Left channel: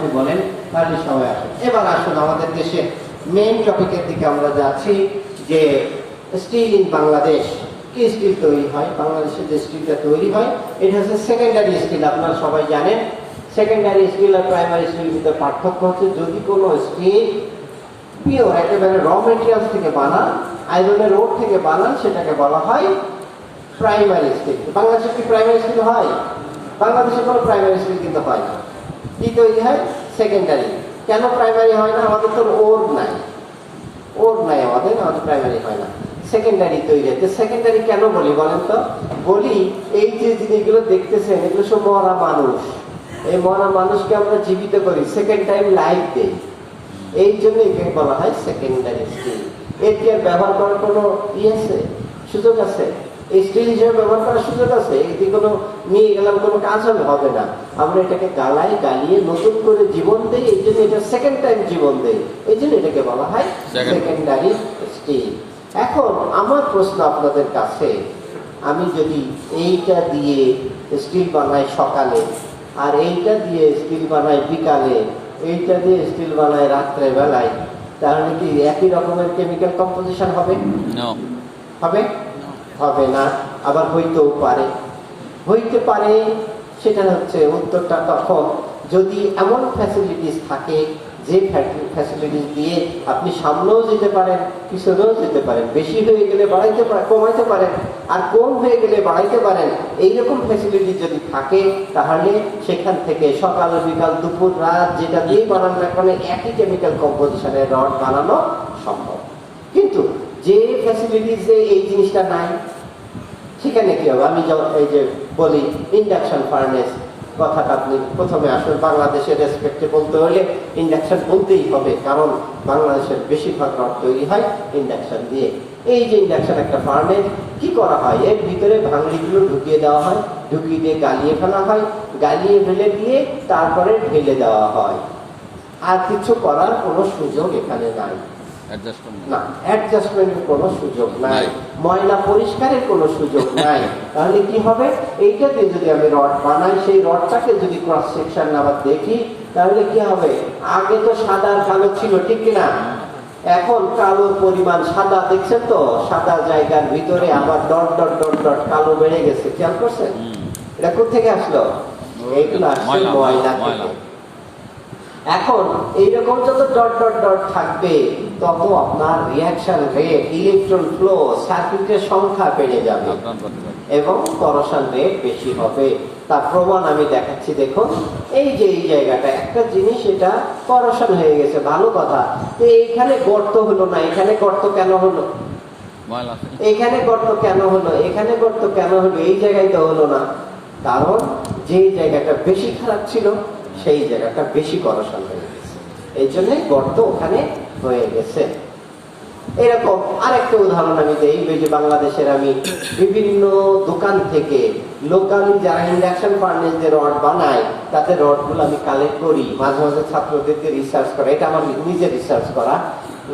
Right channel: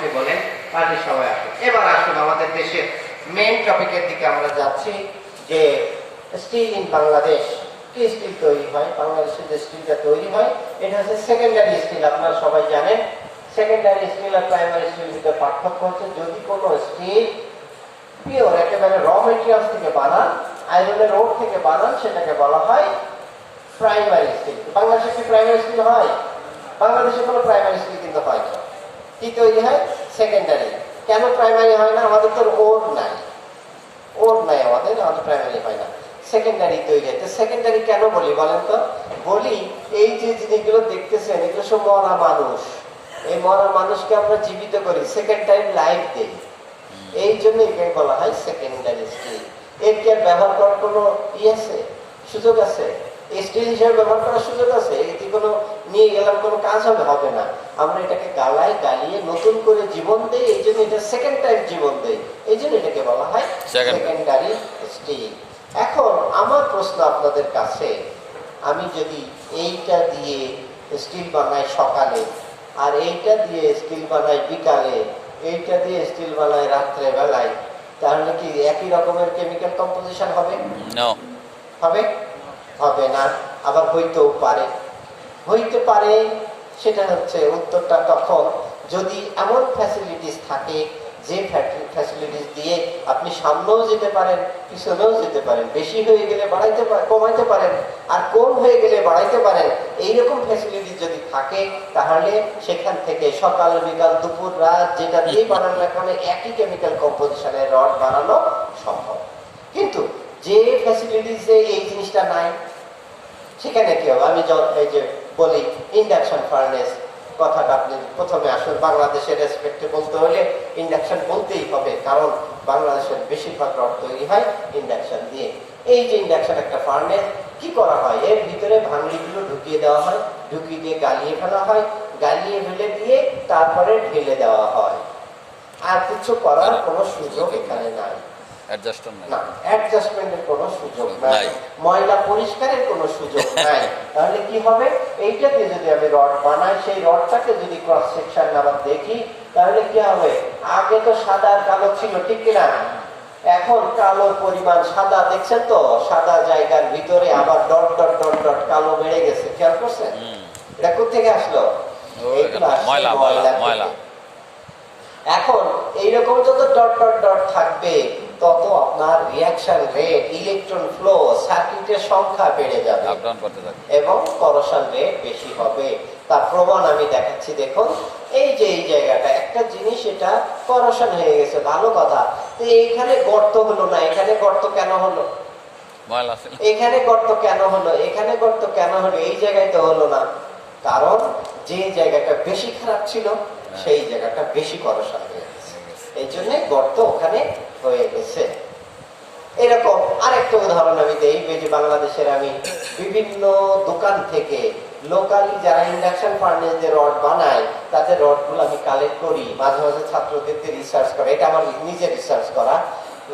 Chemistry বলেন, তাহলে সবাই আসুন। এবার আসুন আমাদের দেশের মেইন টপিকের দিকে আমরা যাচ্ছি, যে স্টিল ইন বাংলাদেশ। কি স্টিল তৈরি হয় বাংলাদেশে? যে স্টিলটা তৈরি হয় এটা হচ্ছে সেকেন্ডারি স্টিল। আপনারা সবাই জানেন সেকেন্ডারি স্টিল আর প্রাইমারি স্টিলের ভিতরে পার্থক্য হচ্ছে, যদি কোনো স্টিল পিওর একেবারে র মেটেরিয়ালস থেকে বানান, আয়রনের রোড থেকে বানান, সেটাকে বলা হয় প্রাইমারি স্টিল। বাংলাদেশে কি প্রাইমারি স্টিল হয়? বাংলাদেশে কোনো প্রাইমারি স্টিল কিন্তু হয় না। কি তৈরি হয়? সেকেন্ডারি। কেন প্রাইমারি হয় না? আমাদের তো ওর নাই, ওর নাই আমাদের প্রাইমারি হয় না, সেকেন্ডারি তৈরি হয়। সেকেন্ডারি কেন বলি বলেন তো? বলি এই যে জিনিসগুলো দেখতেছেন এগুলো সব মরা মানুষ। এই মরা মানুষকে আমরা জীবিত করি, সেকেন্ড টাইম লাইফ দেই, এই জন্য একে বলা হয় সেকেন্ডারি স্টিল। এর কি আর ব্যবহার করার কোনো আছে, সুযোগ আছে? এই স্টিল হিসেবে ব্যবহার করার সুযোগ আছে? এটি কোনো নিয়ে গেলাম কোনো কাজ হবে না। আমরা এটাকে গালিয়ে নতুন করে জীবন দেই, এই জন্য এটা সেকেন্ড টাইম জীবন দেই, এই জন্য এটাকে বলা হয় সেকেন্ডারি স্টিল। এখন আমার প্রশ্ন আপনাদের কাছে, আমি যদি এইটা দিয়ে স্টিল বানাই সকালে, আর এইটা দিয়ে স্টিল বানাই বিকালে, এইটা দিয়ে স্টিল বানাই রাত্রে বেলায়, তাহলে কি একই রকমের কেমিক্যাল কম্পোজিশন হবে? হবে? হবে না। আবার হইতে পারে। সেটা হচ্ছে উত্তরটা তখন যদি এমন ফ্যাসিলিটিস থাকে, যে ফ্যাসিলিটিস দিয়ে আপনি সামনেও যেতে পারেন, পিছনেও যেতে পারেন, বেশি হয়ে গেলে কমাইতে পারেন, আর কম হয়ে গেলে বাড়াইতে পারেন, এইরকম ফ্যাসিলিটি যদি থাকে, তাহলে সেখান থেকে সকাল বিকাল দুপুর রাত যেটা দিয়ে বানানো না কেন একই কেমিক্যাল কম্পোজিশনের রড বানানো সম্ভব। কিন্তু যে ফ্যাসিলিটিসে এই জিনিসটা নাই, সেখানে কি হবে? আমি এই যে বলি ইন্ডাকশন ফার্নেস কথাটা, আপনি প্রথমে আসুন বাংলাদেশের রেসপেক্টে বলতে হলে ইন্ডাকশন বলতেই হবে, কারণ বাংলাদেশের বেশিরভাগ রড তৈরি হয় ইন্ডাকশন দিয়ে। এই যে ইন্ডাকশন একটা ফার্নেস, কি করা হয়? এর ভিতরে ভাঙড়িগুলো ঢুকিয়ে দেওয়া হয়, ঢুকিয়ে দিয়ে গালিয়ে ফেলা হয়, গালিয়ে ফেলে দিয়ে তারপরে ঢেলে দেওয়া হয়। আর কিছু করার কোনো সুযোগ এখানে নাই, অ্যাডজাস্টমেন্টের কোনো সুযোগ নাই, ময়লা পরিষ্কারের কোনো সুযোগ নাই। তাহলে কি হবে? এইটাতে যদি আমি রড বানাই, সেই রডটাকে যদি ক্রস সেকশন আবার দেখি, তাহলে কি হবে? আগে তো সাদা কালো ছিল, ঠিক না? এখন কালো পরিমাণ সাদা, দেখছেন তো? সাদা জায়গার ভিতরে আবার ডট ডট ডট ডট কালো বেড়ে গেছে, খেয়াল করছেন? এটা কোথেকে আসলো? এইগুলো আসছে ময়লা থেকে। এখন এইরকম যত ডট ডট ডট থাকবে, তত আপনার রিঅ্যাকশন রেট, ইলেকট্রন ফ্লো, সার্কিটের সংখ্যা বেড়ে যাবে এবং করোশন রেট বেশি হবে। তার প্রমাণ আমি দেখাচ্ছি। দেখুন, এই যে এই জায়গাটা একটা জিনিস, এটা করোশন হয়ে গেছে, ভালো কথা। তো এইখানে গর্ত হলো না, এখানে গর্ত কেন হলো? এখানে গর্ত কেন হলো? এখানে গর্ত কেন হলো? এই জায়গায় তো হলো না, কারণ যে জায়গাটা বেশি খারাপ ছিল সেই জায়গাটা বেশি করোশন হয়ে গেছে, এই জন্য গর্ত ওখানে হয়ে গেছে। এরকম আরেকটা উদাহরণ আমি দেই। এই যে বাংলাদেশের আমি বিভিন্ন দোকান থেকে লোকালি যারা ইন্ডাকশন ফার্নেস যে রড বানায়, তাদের রডগুলো আমি কালেক্ট করি, মাঝে মাঝে ছাত্রদেরকে রিসার্চ করা, এটা আমার নিজে রিসার্চ করা।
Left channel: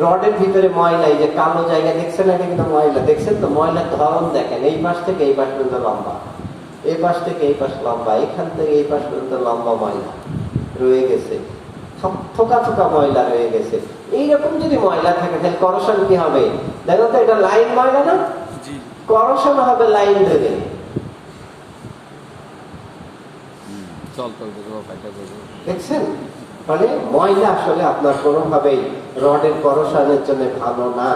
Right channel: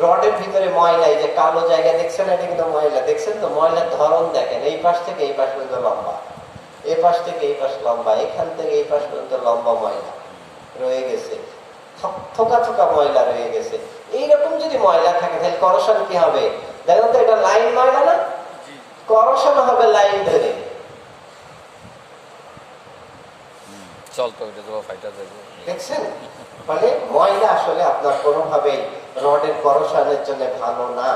রডের ভিতরে ময়লা, এই যে কালো জায়গা দেখছেন, এটা কিন্তু ময়লা, দেখছেন তো? ময়লার ধরন দেখেন, এই পাশ থেকে এই পাশ পর্যন্ত লম্বা, এই পাশ থেকে এই পাশ লম্বা, এখান থেকে এই পাশ পর্যন্ত লম্বা ময়লা রয়ে গেছে, থোকা থোকা ময়লা রয়ে গেছে। এইরকম যদি ময়লা থাকে, তাহলে করোশন কি হবে? দেখো তো, এটা লাইন ময়লা না? করোশন হবে লাইন ধরে। দেখছেন? ফলে ময়লা আসলে আপনার কোনোভাবেই রডের করোশনের জন্য ভালো না।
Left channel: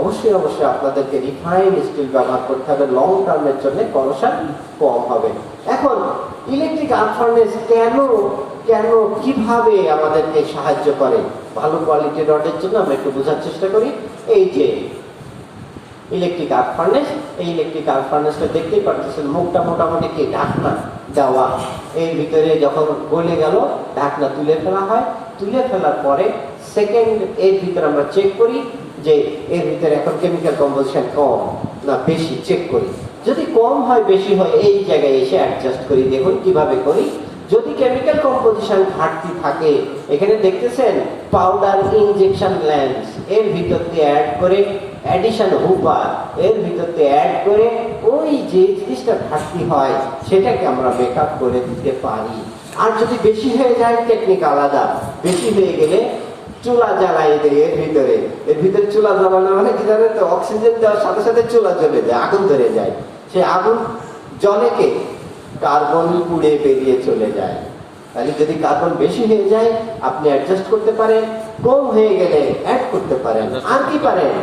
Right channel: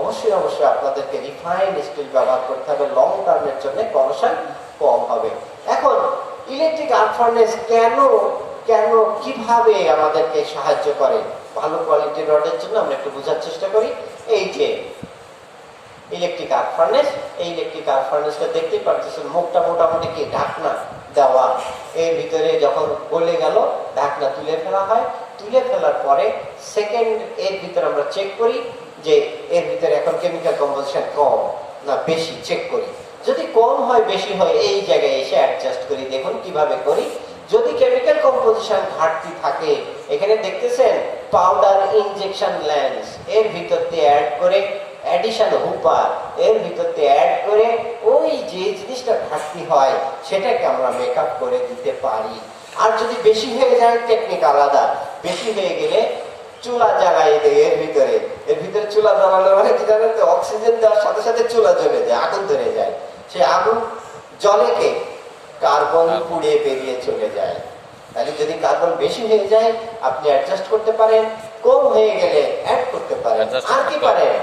অবশ্যই আপনাদেরকে রিফাইন্ড স্টিল ব্যবহার করতে হবে, লং টার্মের জন্য করোশন কম হবে। এখন ইলেকট্রিক আর্ক ফার্নেস কেন কিভাবে আমাদেরকে সাহায্য করে ভালো কোয়ালিটির রডের জন্য, আমরা একটু বোঝার চেষ্টা করি। এই যে ইলেকট্রিক আর্ক ফার্নেস, এই ইলেকট্রিক আর্ক ফার্নেসটা দেখতেই পাচ্ছেন, মুখটা মোটামুটি কি ঢাকনা দেওয়া, এর ভিতরে যখন গলে গেল ঢাকনা তুলে ফেলা হয়। তুলে ফেলার পরে সেকেন্ড এর ভিতরে আমরা চেক করি যে এর ভিতরে এখন কেমিক্যাল কম্পোজিশন কম না বেশি, চেক করি। যদি কম হয় বেশি হয়, এই জায়গায় এসে অ্যাডজাস্ট করি। দেখুন কিভাবে করি। যদি কেমিক্যাল কম্পোজিশন ঘাটতি থাকে, এখানে দেখতেছেন পাউডার ইনজেকশন ল্যাম্পস, এর ভিতর দিয়ে অ্যাড করে অ্যাডিশন হুপার, এর ভিতর দিয়ে অ্যাড করে ওই যে জিনিসটা ঘাটতি হয় সেটাকে আমরা মেকআপ করে দিতে পারি। আর যদি বেশি হয়ে যায় টেকনিক আলাদা, বেশি হয়ে গেলে চুলা জ্বালাই দেয় এর ভিতরে চুলা জ্বালানো মানে কি জানেন তো, অক্সিজেন দেওয়ার সাথে সাথে চুলা জ্বলে যায়, আগুন ধরে যায়। সে আগুন জ্বলে কে, কার্বন পুড়ে বেরিয়ে চলে যায়। তাহলে যদি কার্বন বেশি হয়ে যায় আপনি অ্যাডজাস্ট করতে পারেন, কম হয়ে গেলে অ্যাড করতে পারেন। আর কি পারেন,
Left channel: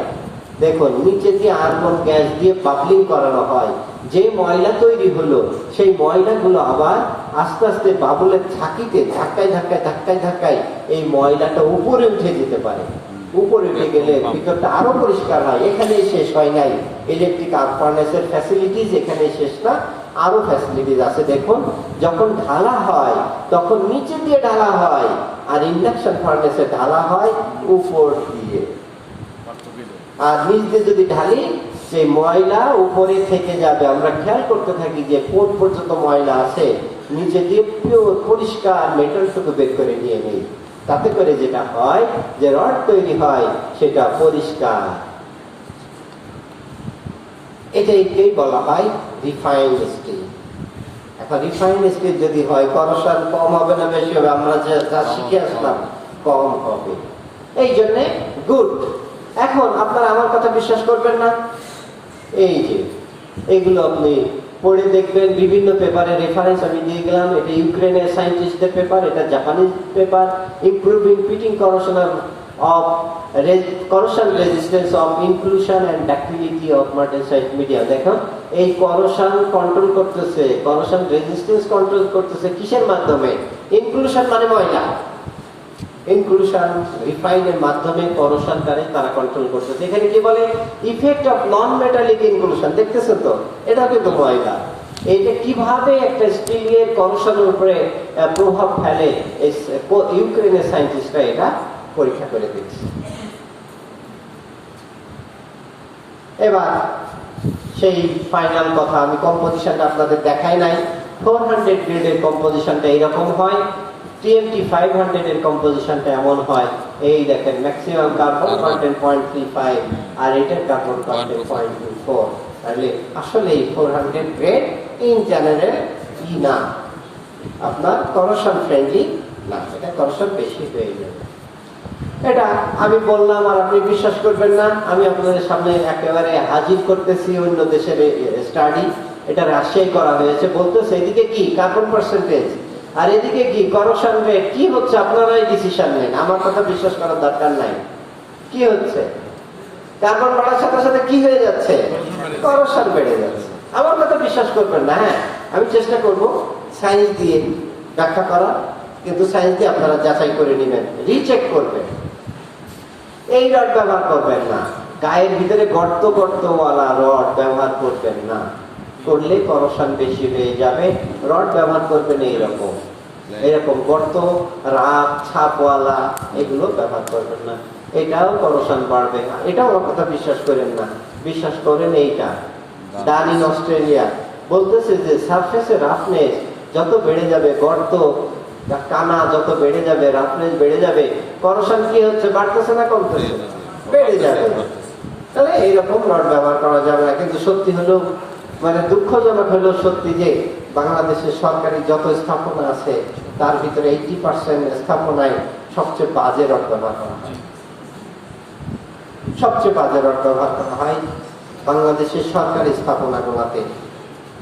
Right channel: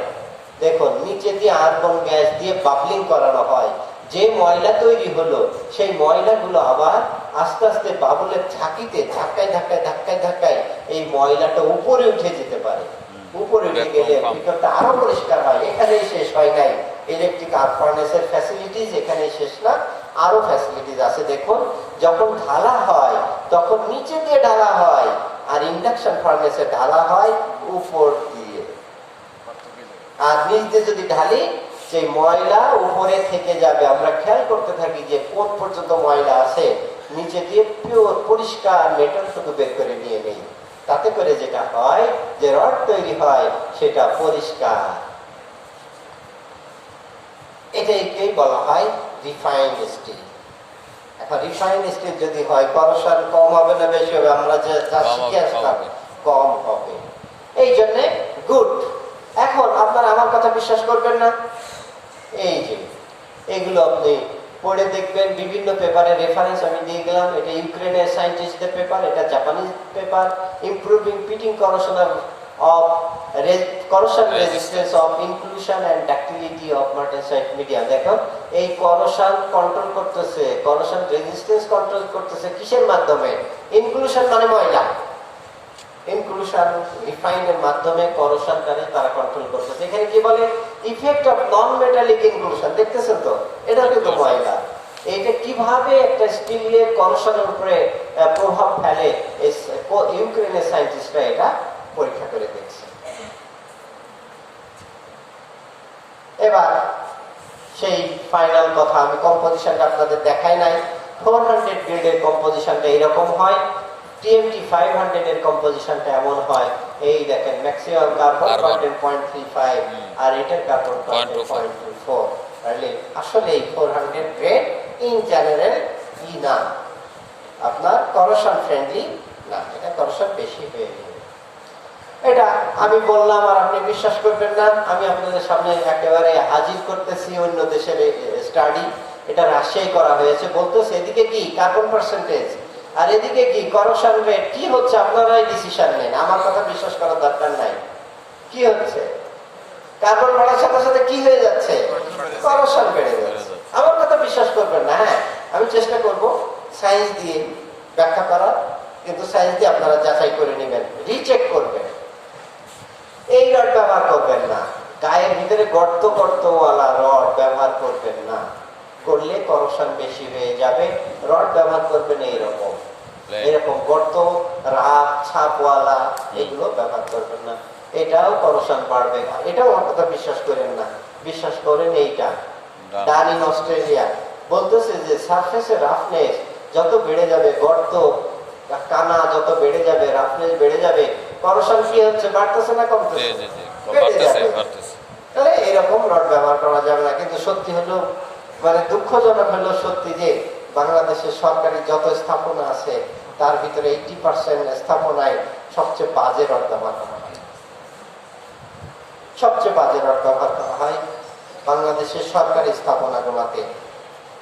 দেখুন নিচে দিয়ে আর্গন গ্যাস দিয়ে বাবলিং করানো হয়, যে ময়লা তৈরি হলো সেই ময়লাগুলো আবার আস্তে আস্তে বাবুলের ঝাঁকিতে ধাক্কায় ধাক্কায় ধাক্কায় ধাক্কায় এই ময়লাটা উপরে উঠে যেতে পারে। উপরে উঠে গেলে ভিতরটা আরো পরিষ্কার হয়। এখানেই শেষ হয় নাই, ইলেকট্রিক আর্ক ফার্নেসের ফ্যাসিলিটিস এখানে শেষ না, আরো ফ্যাসিলিটিস আছে। দেখুন যখন ঢালা হয় তখন নিচে দিয়ে ঢালা হয়, আর ইন্ডাকশন ফার্নেসে ঢালা হয় উপর দিয়ে। আর নিচ দিয়ে যদি ঢালি সেই ময়লা উপরে থেকে যাবে। আমরা খেয়াল করতে থাকি যে কোন পর্যন্ত ময়লা আছে, নিচে দিয়ে পিওর পরিষ্কার মেটাল শুধু বের করে নিয়ে নেই। তাতে করে যেটা হয় যে রড তৈরি হয় সেটা পরিষ্কার। এটাকে বলা হয় রিফাইন্ড স্টিল। এখন রিফাইন্ড স্টিল যদি হয় করোশন কম হবে না বেশি হবে, আমরা যা শিখে আসলাম কম হবে, এই জন্য গুড। এখন আপনারা আমার কথা বিশ্বাস করবেন না, এই যে এগুলো আপনি পড়ে দেখবেন, বিভিন্ন পেপারে রেফারেন্স আমি দিয়ে গেলাম। এটা ইউক্রেনের সায়েন্টিস্টদের পেপার, এটা Japanese paper, improving pitting corrosion of corrosion resistance of inclusion and ductility of martensite media। দেখো এই করোশন কন্ট্রোল করতেছে, করোশন রেজিস্ট্যান্স কন্ট্রোল করতেছে কিসের মাধ্যমে, ইনক্লুশন মানে ময়লা, ইনক্লুশন রিফাইনের মাধ্যমে করোশন তারা কন্ট্রোল করতেছে। এখানে কি বলে effect of non metallic inclusion, দেখতেছেন তো এটা কিন্তু ময়লা। এটা কিভাবে একটা স্টিলের করোশনের উপরে প্রভাব ফেলে ইউক্রেনের সায়েন্টিস্টরা এটা পরীক্ষা করে দেখছে। এবার সেই ফাইনাল কথা, আমি কম্পোজিশনটা আপনাদের দেখাই নাই। 400 গ্রেডের কম্পোজিশনটা এরকম হয়, TMT 500 এর কম্পোজিশনটা এমন হয়। এই দেখেন ম্যাক্সিমাম কার্বন কন্টেন্ট 0.35 আর এটার কার্বন কন্টেন্ট 0.24। তাহলে আসলে 400 গ্রেড ইন জেনারেল কি না, আপনার করোশন ফ্রেন্ডলি না, এটা করোশন বেশি হয়ে যাবে। এটা আমি বললাম আর আপনি বিশ্বাস করবেন না, আমি আপনাদের সামনে একেবারে হাজির করতেছি অন্য দেশের স্টাডি। এটা রাশিয়ায় করা হয়েছে, বলতেছে এদিকে কি কার্বন পার্সেন্টেজ আর এদিকে কি করোশন রেট, কি হচ্ছে আপনারাই ডিসিশন নেন, আমার কথা বিশ্বাস করার দরকার নাই। কি হচ্ছে, কার্বন বাড়ার সাথে সাথে কি হয়ে যাচ্ছে, করোশন বেড়ে যাচ্ছে। আমার কথা বিশ্বাস করবেন না, হ্যাঁ আমি চেষ্টা করব সায়েন্স দিয়ে ব্যাখ্যা করা, কিন্তু সায়েন্স দিয়ে আপনারা যাচাই করে নেবেন, রিচেক করবেন। এই রড ব্যবহার করবেন না, গায়ের ভিতরে গর্ত গর্তওয়ালা রড ব্যবহার করবেন না, করলে করোশন বেশি হয়ে যাবে। রড ব্যবহার করবেন এইরকম এরকম গর্ত রাত ছাপওয়ালা, এগুলো ব্যবহার করবেন না, এটাও করোশন বাড়বে না। এটাও আমার কথা বিশ্বাস করেন না, বিশ্বাস করেন এইটা। ডান ইন অস্ট্রেলিয়া বলতেছে যে সারফেসের রাফনেস যত বেড়ে যাবে, গর্ত কানা যত বেড়ে যাবে, রাফনেস বেড়ে যাবে, করোশন কি হচ্ছে, বাড়তেছে না কমতেছে, বেড়ে যাবে। তাহলে এইরকম রড ব্যবহার করা যাবে না। কিন্তু সত্যি হলো, মানে দুঃখজনক হলো সত্যি যে বাংলাদেশের সরকারি যত স্থাপনা আছে তার ভিতরে 80% স্থাপনায় সবচেয়ে বাজে রড ব্যবহার করা হয়, সবচেয়ে বাজে রড ব্যবহার করা হয় বাংলাদেশের সরকারি স্থাপনাগুলোতে,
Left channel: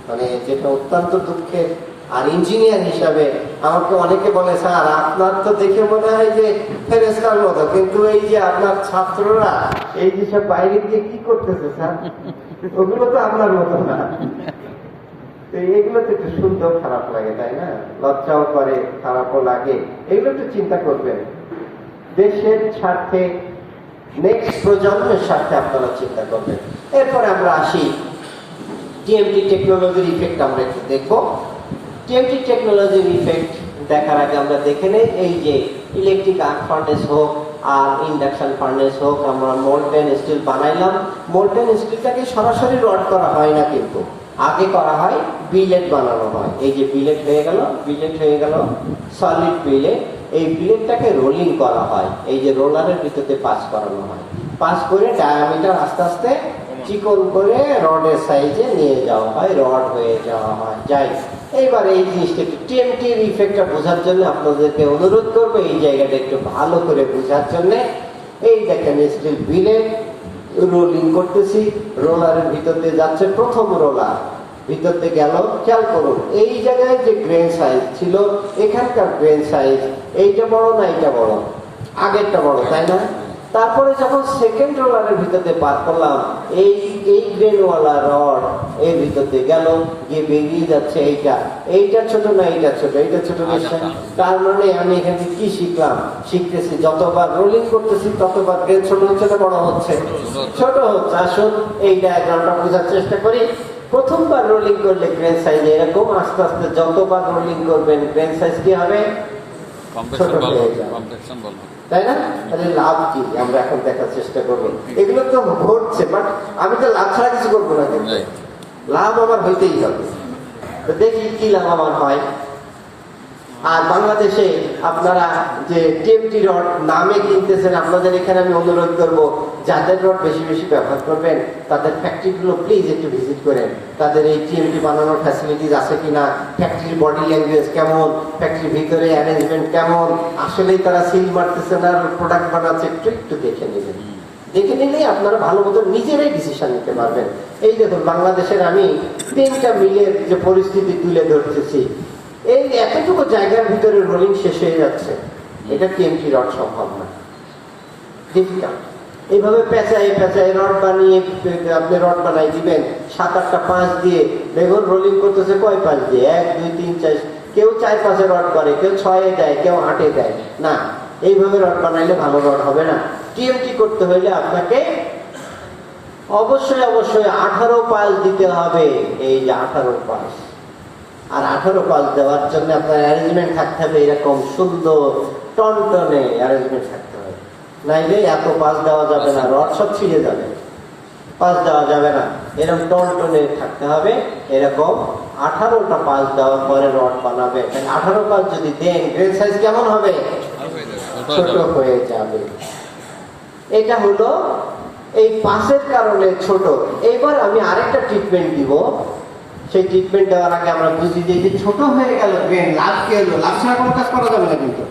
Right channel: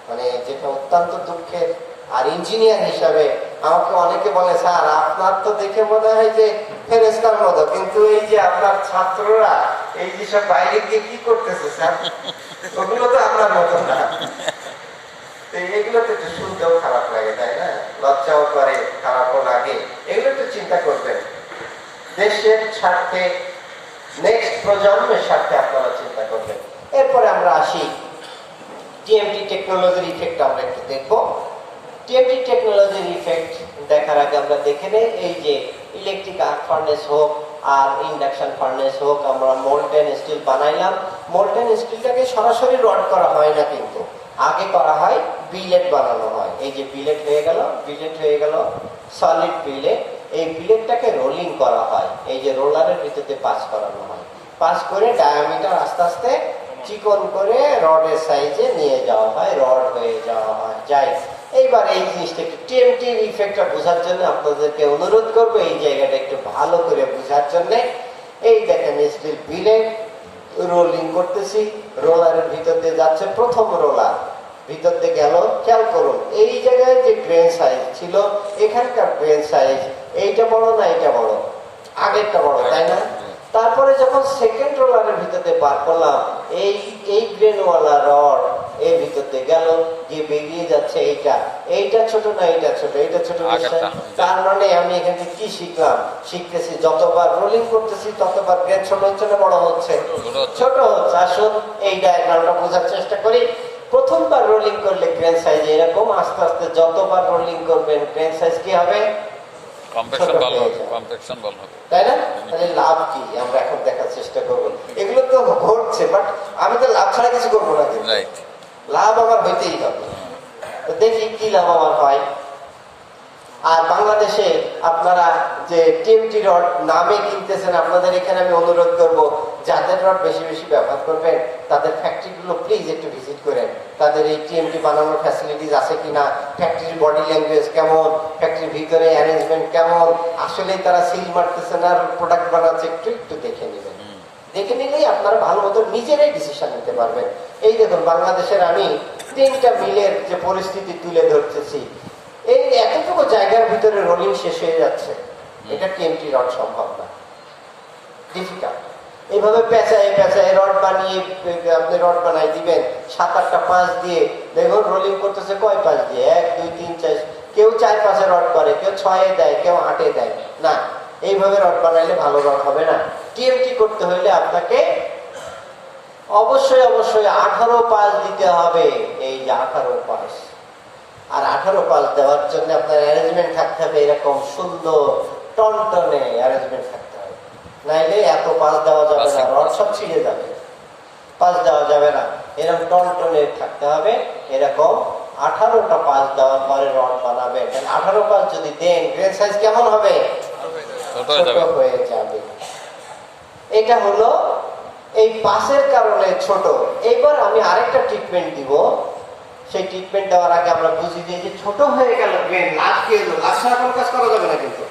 মানে যেটা অত্যন্ত দুঃখের। আর ইঞ্জিনিয়ার হিসাবে আমাকে অনেকে বলে, স্যার আপনার তো দেখে মনে হয় যে ফেরেশতার মতো, কিন্তু এই যে আপনার ছাত্ররা এই যেসব বাইরে গিয়ে কি করতেছে স্যার, ওগুলো তো আপনার মতো না। এগুলো তো একটু শুনতেও খারাপ লাগে, তাই না, লজ্জাও করে, খারাপও লাগে। এগুলো একটু চিন্তা করবেন, দেশের স্বার্থে, নেক্সট প্রজন্মের স্বার্থে আপনারা চিন্তা করবেন। এরপরে আমরা আসি টিএমটি টেকনোলজির ইফেক্ট আমরা একটু দেখবো। টিএমটি টেকনোলজির ইফেক্ট দেখার আগে আমরা দেখে নেই, এই যে ইলেকট্রিক আর্ক ফার্নেস হোক আর ইন্ডাকশন ফার্নেস হোক, আমরা মোল্টেন স্টিল বানাইলাম। মোল্টেন স্টিলটাকে সরাসরি রড করা হয় না, কিন্তু আগে করা হয় বিলেট বানানো হয়। এই যে বিলেট হয়ে গেল, বিলেট হয়ে গেল সলিড বিলেট। এই বিলেটটাকে রোলিং করা হয়, এই যে রোলারের ভিতরে পাস করানো হয়, পাস করে ডায়ামিটার আস্তে আস্তে চিকন করে রডের সাইজে নিয়ে যাওয়া হয়, রড হয়ে যাওয়া হয়। যাই এইবার এই জিনিসটা একটু টিএমটির ইফেক্টটা বোঝার জন্য আপনাদেরকে অনুরোধ করবো এই জায়গাটা একটু ভালো করে বোঝার জন্য। এই দেখেন স্টিল বিলে রোলিং করতেছি, রোলারের ভিতর দিয়ে যাচ্ছে প্রথম রোলার, ভিতর দিয়ে গেল। খেয়াল করুন এই জায়গায় যে গ্রেন সাইজ ছিল, এখানকার গ্রেন সাইজ এইটা বড় না এটা বড়? আগেরটা বড়, তাই না? তারপরে যখন সেকেন্ড রোলারের ভিতর দিয়ে পার করলাম, এই গ্রেনওয়ালা রড এর ভিতর দিয়ে গেল, গিয়ে বেরিয়ে যাচ্ছে এইটা ছোট না এইটা ছোট? এটা ছোট নিশ্চয়। তার মানে আমি এখান থেকে কি শিখলাম? শিখতেছি যতবার রোলিং করতেছি ততবার গ্রেন ছোট হচ্ছে না বড় হচ্ছে? ছোট হচ্ছে। আসুন এই ডায়াগ্রামটা বোঝার চেষ্টা করি। প্রথমবার রোলিং করলে গ্রেন সাইজ এরকম, আস্তে আস্তে যতবার রোলিং করবেন গ্রেন সাইজ কি হবে? ছোট হয়ে যাবে, তাই না? তাহলে লাভ কি আমরা এখন দেখার চেষ্টা করবো। এগুলো তো ঘটছে, বাট আমি তো লাভ ছাড়া কিছু করবো না, কিন্তু লাভ আমার হইতেই হবে। দেখি কি লাভ আমার হয়। আর বাংলাদেশে আপনারা যে টিএমটি রড নামে কিনতেছেন, আপনাদের এখানে আমি অনুরোধ করব যাদের রড বেশি বেশি ব্যবহার করবেন তাদের ফ্যাক্টরিগুলো প্লিজ একটু ভিজিট করেন। তাদের এই টিএমটি বানানোর ফ্যাসিলিটিস আছে কিনা, ফ্যাক্টরির বডি ল্যাঙ্গুয়েজ কেমন, ফ্যাক্টরির ভিতরে অ্যারেঞ্জমেন্ট কেমন, আসলেই তারা সিল মারতেছে না প্রোডাক্ট বানাচ্ছে, একটু দেখে নেবেন। দেখে নিলেই আপনারা ভালো মতো নিজেরাই ডিসিশন নিতে পারবেন। এই দেখুন বাংলাদেশের আমি 3টা মিলের যে পরিস্থিতি তুলে ধরতেছি। এই এতটুকু জায়গার ভিতরে রোলিং শেষ হয়ে যাচ্ছে, এটা টিএমটি রড সম্ভব না, ডিফিকাল্ট। এইভাবে পেঁচায় রড বানিয়ে আপনি রড বানাই দিবেন 7-8টা পাঁচ দিয়ে, দেখুন রোলিং করতেছে কয় পাঁচ দিয়ে? 1 2 3 4, কেউ 4-5 রড করে, কেউ 6 দেয়, কেউ 8 দেয় না। এইভাবে রড বানাইলে ভালো রড হবে না। টিএমটি করতে হইলে আপনাকে অবশ্যই 18 পাঁচ দিতে হবে। এই যে 18 পাঁচ, আর 18 পাঁচ দেওয়ার জন্য আপনার অ্যারেঞ্জমেন্ট থাকতে হবে এরকম সুন্দর টনটনে অ্যারেঞ্জমেন্ট থাকতে হবে, নাইলে এত পাঁচ দেওয়া যাবে না, রড সব ছিঁড়ে যাবে। পাঁচ দেওয়া যাবে না, এরকম টনটনে থাকতে হবে। এরকম 18টা পাঁচ দেওয়ার পরে রড বানাবে। 18 পাঁচ যদি দেন গ্রেন সাইজ কেমন হবে? ছোট হয়ে যাবে। এটা হলো এই পাশের কারণে ছোট। এবার আমি আরেকটা ট্রিটমেন্ট দিব। সেই ট্রিটমেন্ট দেওয়ার আগে আমরা বুঝি যে ছোট হয়ে গেল গ্রেন, লাভ কি হলো? লাভ ছাড়া কোনো কাজ করা যাবে না কিন্তু।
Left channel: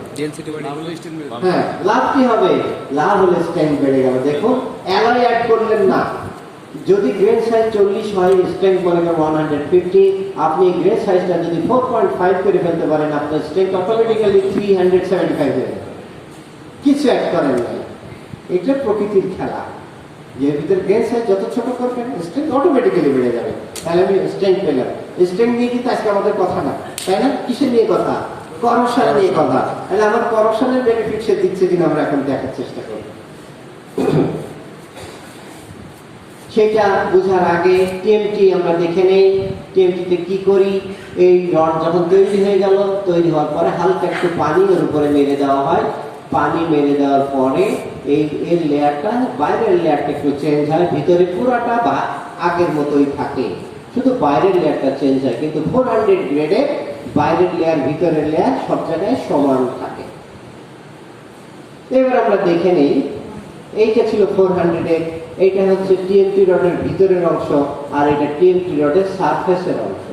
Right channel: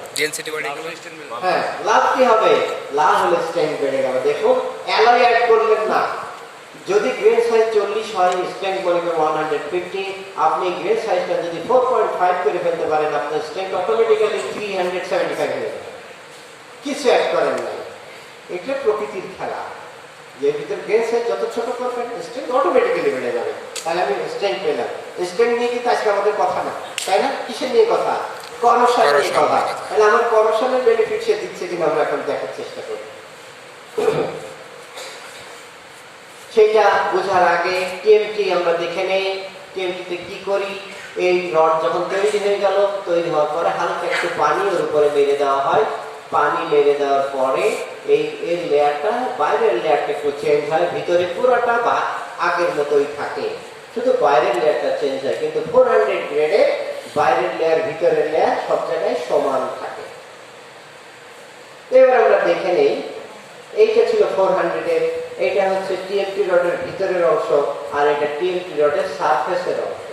হ্যাঁ, লাভ কি হবে? লাভ হলে স্ট্রেংথ বেড়ে গেল। দেখুন অ্যালয় অ্যাড করলেন না। যদি গ্রেন সাইজ 40 হয়, স্ট্রেংথ বলে 150, আপনি গ্রেন সাইজটা যদি 4.5 করে ফেলতে পারেন, আপনার স্ট্রেংথ অটোমেটিক্যালি 375 হয়ে যাবে। কিছু অ্যাড করেন না, এটা প্রকৃতির খেলা। যে ভিতরে গ্রেন সাইজ যত ছোট করবেন স্ট্রেংথ অটোমেটিক্যালি বেড়ে যাবে। তাহলে আমি স্ট্রেংথ পেলাম। স্ট্রেংথ নিয়ে কিন্তু আজকে আমাদের কথা না, তাই না? কিসের নিয়ে কথা? করোশন নিয়ে কথা। তাহলে আমার করোশনের বেনিফিট সে দিচ্ছে কিনা আমরা এখন দেখার চেষ্টা করি। সেটা বোঝার আগে টিএমটি আমরা দেখে নেই। টিএমটিতে কি করি? এই রড যখন তৈরি হয়ে গেল, তৈরি হওয়ার পরে হালকা একটু পানি ওর উপরে মেরে দেওয়া হয়। পানি মেরে দেওয়ার পরে এই লেয়ারটা, বাইরের লেয়ারটা একটু চেঞ্জ হয়, ভিতরে পুরাটা আগের মতোই থাকে, শুধু বাইরের লেয়ারটা চেঞ্জ হয়। কিন্তু 400 গ্রেডে বাইরের লেয়ার ভিতরের লেয়ার সব জায়গায় সমান থাকে। এবার আমরা দেখে নেই, এইটা ছিল 400-এর, এইটা হচ্ছে টিএমটি রডের ভিতরের অংশ, আর এটা টিএমটি রডের সারফেসের অংশ,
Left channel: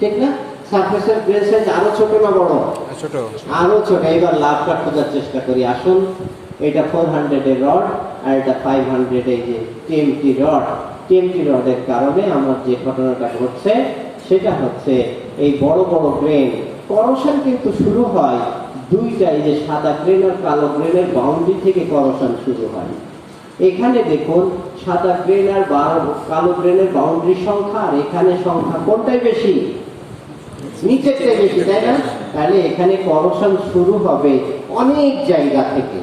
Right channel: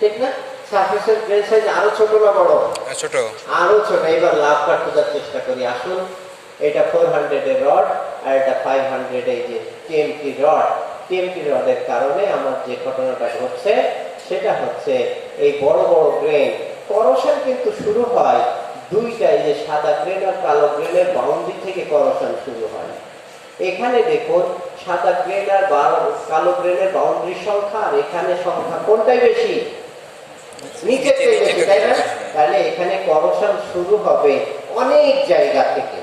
ঠিক না? সারফেসের গ্রেন সাইজ আরো ছোট না বড়? ছোট, আরো ছোট। এবার লাভটা খোঁজার চেষ্টা করি। আসুন, এটা 400-এর রড আর এটা 500 এই যে টিএমটি রড। টিএমটি রডের কারণে আমার যে ঘটনাটা ঘটছে সেটা হচ্ছে এই বড় বড় গ্রেন করোশন কিন্তু শুরু হয় দুইটা, এই যে সাদা গ্রেন আর কালো গ্রেনের বাউন্ডারি থেকে করোশন শুরু হয়। এখানে দেখুন সাদা গ্রেন আর কালো গ্রেনের বাউন্ডারি সংখ্যা আর এখানে সংখ্যা কোনটাই বেশি? নিচের থেকে বেশি, তাই না? তাহলে এখানে করোশন শুরু হবে অনেক জায়গা থেকে,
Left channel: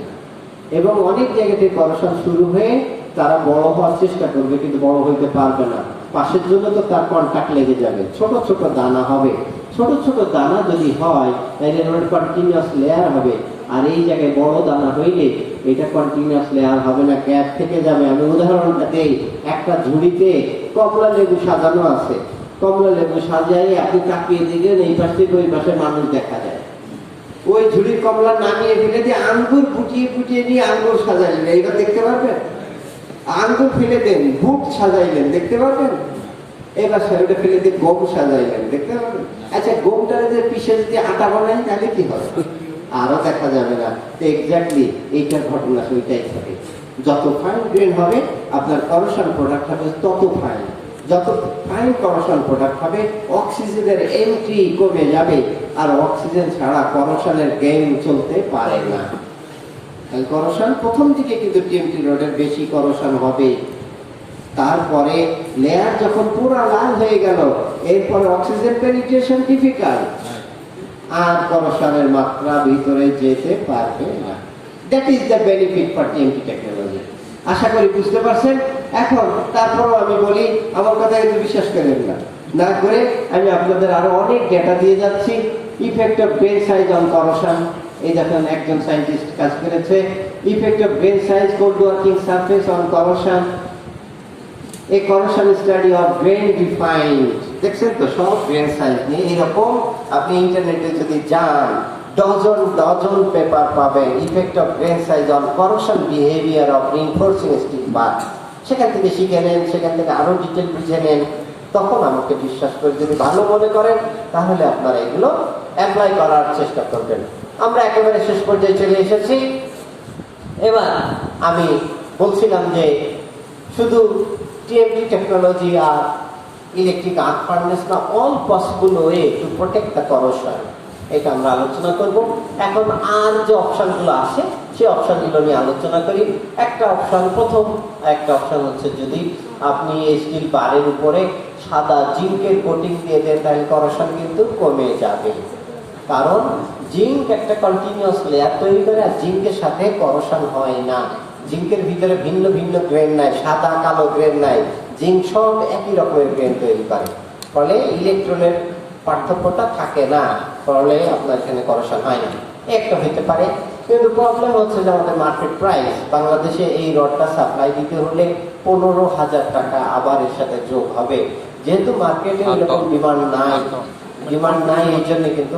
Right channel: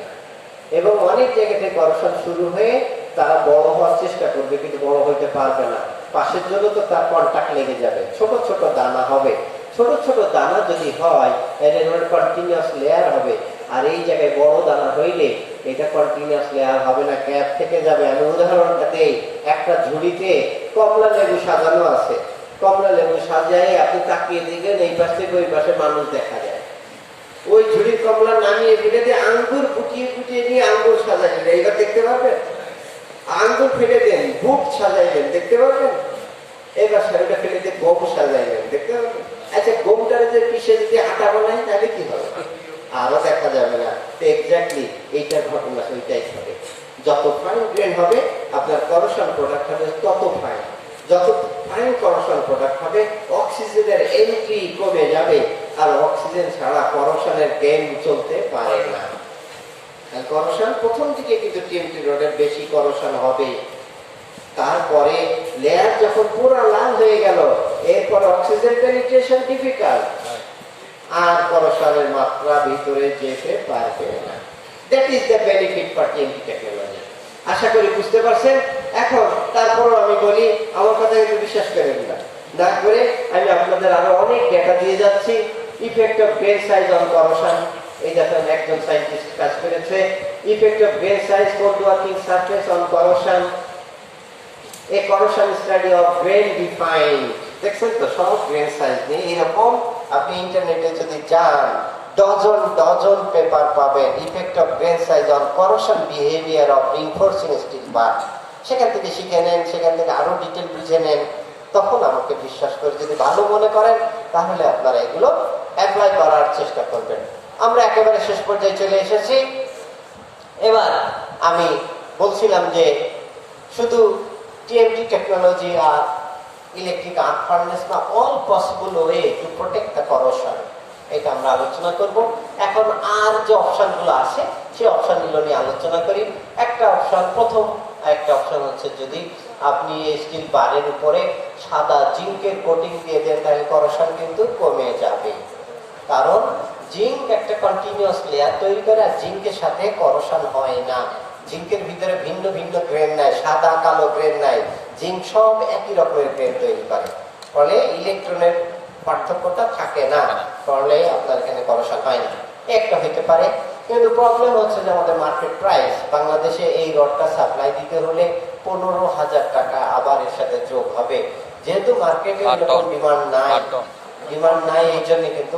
এবং অনেক জায়গা থেকে করোশন শুরু হয়ে তারা বড় হওয়ার চেষ্টা করবে, কিন্তু বড় হইতে পারবে না। পাশের জন্য তো তার কন্টাক্ট লেগে যাবে, ছোট ছোট দানা হবে। ছোট ছোট দানা যদি হয় তাহলে কন্টিনিউয়াস লেয়ার হবে। আর এই জায়গায় বড় দানা হইলে এটা কন্টিনিউয়াস লেয়ার হবে না, গ্যাপ থেকে যাবে। আমি উদাহরণটা দেই, একটা ঝুড়িতে কমলা লেবু সাজানো আছে। কমলা লেবু সাজাই আপনি তাকিয়ে দেখবেন এই পাশ থেকে ওই পাশে মানুষ দেখা যায়। ওই ঝুড়ির কমলা নামিয়ে ফেলে দিয়ে আঙ্গুর ফুটিয়ে ফুটিয়ে নিয়ে আঙ্গুর সাজাইলেন, এইবার দেখতে পারবেন? আঙ্গুর ফেলে দেন, বুট সাজাইলেন, দেখতে পারবেন? এবার সেটা ফেলে দিয়ে গম সাজাইলেন, দেখতে পাবেন। আচ্ছা, গমটারে যে পিষে যদি আটা বানায় তাহলে কি হবে? আরো দেখা যাবে না। এক্স্যাক্টলি এইটার ঘটনা ওইটাই ঘটে। যত ফাইন গ্রেন হবে আপনার করোশন প্রোডাক্ট হবে তত ফাইন। যত ফাইন করোশন প্রোডাক্ট হবে অক্সিজেনের এন্ট্রি কমে যাবে, আর অক্সিজেন ছাড়া করোশনের গেম চলতে পারে না। করোশন প্রথম দিকে কিন্তু টিএমটি রডের বেশি করোশন হবে, তারপরে লেয়ার যখন পুরো লাল হয়ে গেল এরপরে অক্সিজেন পেনিট্রেশন ডিফিকাল্ট, আর করোশনের মাত্রা ভিতরে যেতে পারবে না। That is the benefit for TMT technology. আশা করি বুঝতে পারছেন। এখন তারপরও আমি বলি, আমার কথা কিন্তু বিশ্বাস করেন না করে আমি আপনাদের আরো অনেক ডেটা দিয়ে যাচ্ছি। Effect of grain size on corrosion, এই দেখেন একজন সায়েন্টিস্ট কাজ করেছে। Effect of grain size cold working surface on corrosion, a corrosion study of grain defined। দেখছেন তো, সব গ্রেন সাইজ নিয়ে এরকম আপনি ইন্টারনেটে যদি যান ডজন পেপার পাবেন। Effect of grain size on corrosion behaviour of reinforcing still বার। সেখান থেকে শিখে নেন, সেখান থেকে আরো ডিটেল বুঝে নেন। তখন আমাকে বিশ্বাস করে যদি ভালো মনে করেন তাহলে আপনারা এগুলো অ্যাপ্লাই করার চেষ্টা করবেন। আমরা একেবারে শেষ পর্যায়ে চলে এসেছি। এবার আমি বলছিলাম যে শুধু TMT technology or electric arc furnace না, all possible way to protect the corrosion, এটা আমরা আলোচনা করব। এখন আর যে অপশনগুলো আছে সেই অপশনগুলো নিয়ে আলোচনা করি। একটা অপশন, প্রথম একটা অপশন হচ্ছে যদি আপনি স্টিল বারের উপরে সাদা জিঙ্কের কোটিং দিয়ে দেন তাহলে করোশন কিন্তু কমে যাবে, কারণ জিঙ্ক একটা কন্টিনিউয়াস লেয়ার তৈরি করে আর জিঙ্কের সাথে করোশন হয় না। জিঙ্কের ভিতরে ভিন্ন ভিন্ন গ্রেন নাই, সাদা কালো গ্রেন নাই, জিঙ্ক সব একই রকমের গ্রেন তৈরি করে, ফলে ইলেকট্রনের পার্থক্যটা থাকে না, ফলে আপনার এখানে করোশন হয় না। একটা হইতে পারে। কিন্তু প্রবলেম হচ্ছে যে আমাদের মার্কেট প্রাইস, বাংলাদেশে এই রডটা সাপ্লাই দিতে হলে 15,000 টাকা আবার এর সাথে যোগ হবে। যেহেতু মার্কেটে এরকম ডিমান্ড নাই এই জন্য কিন্তু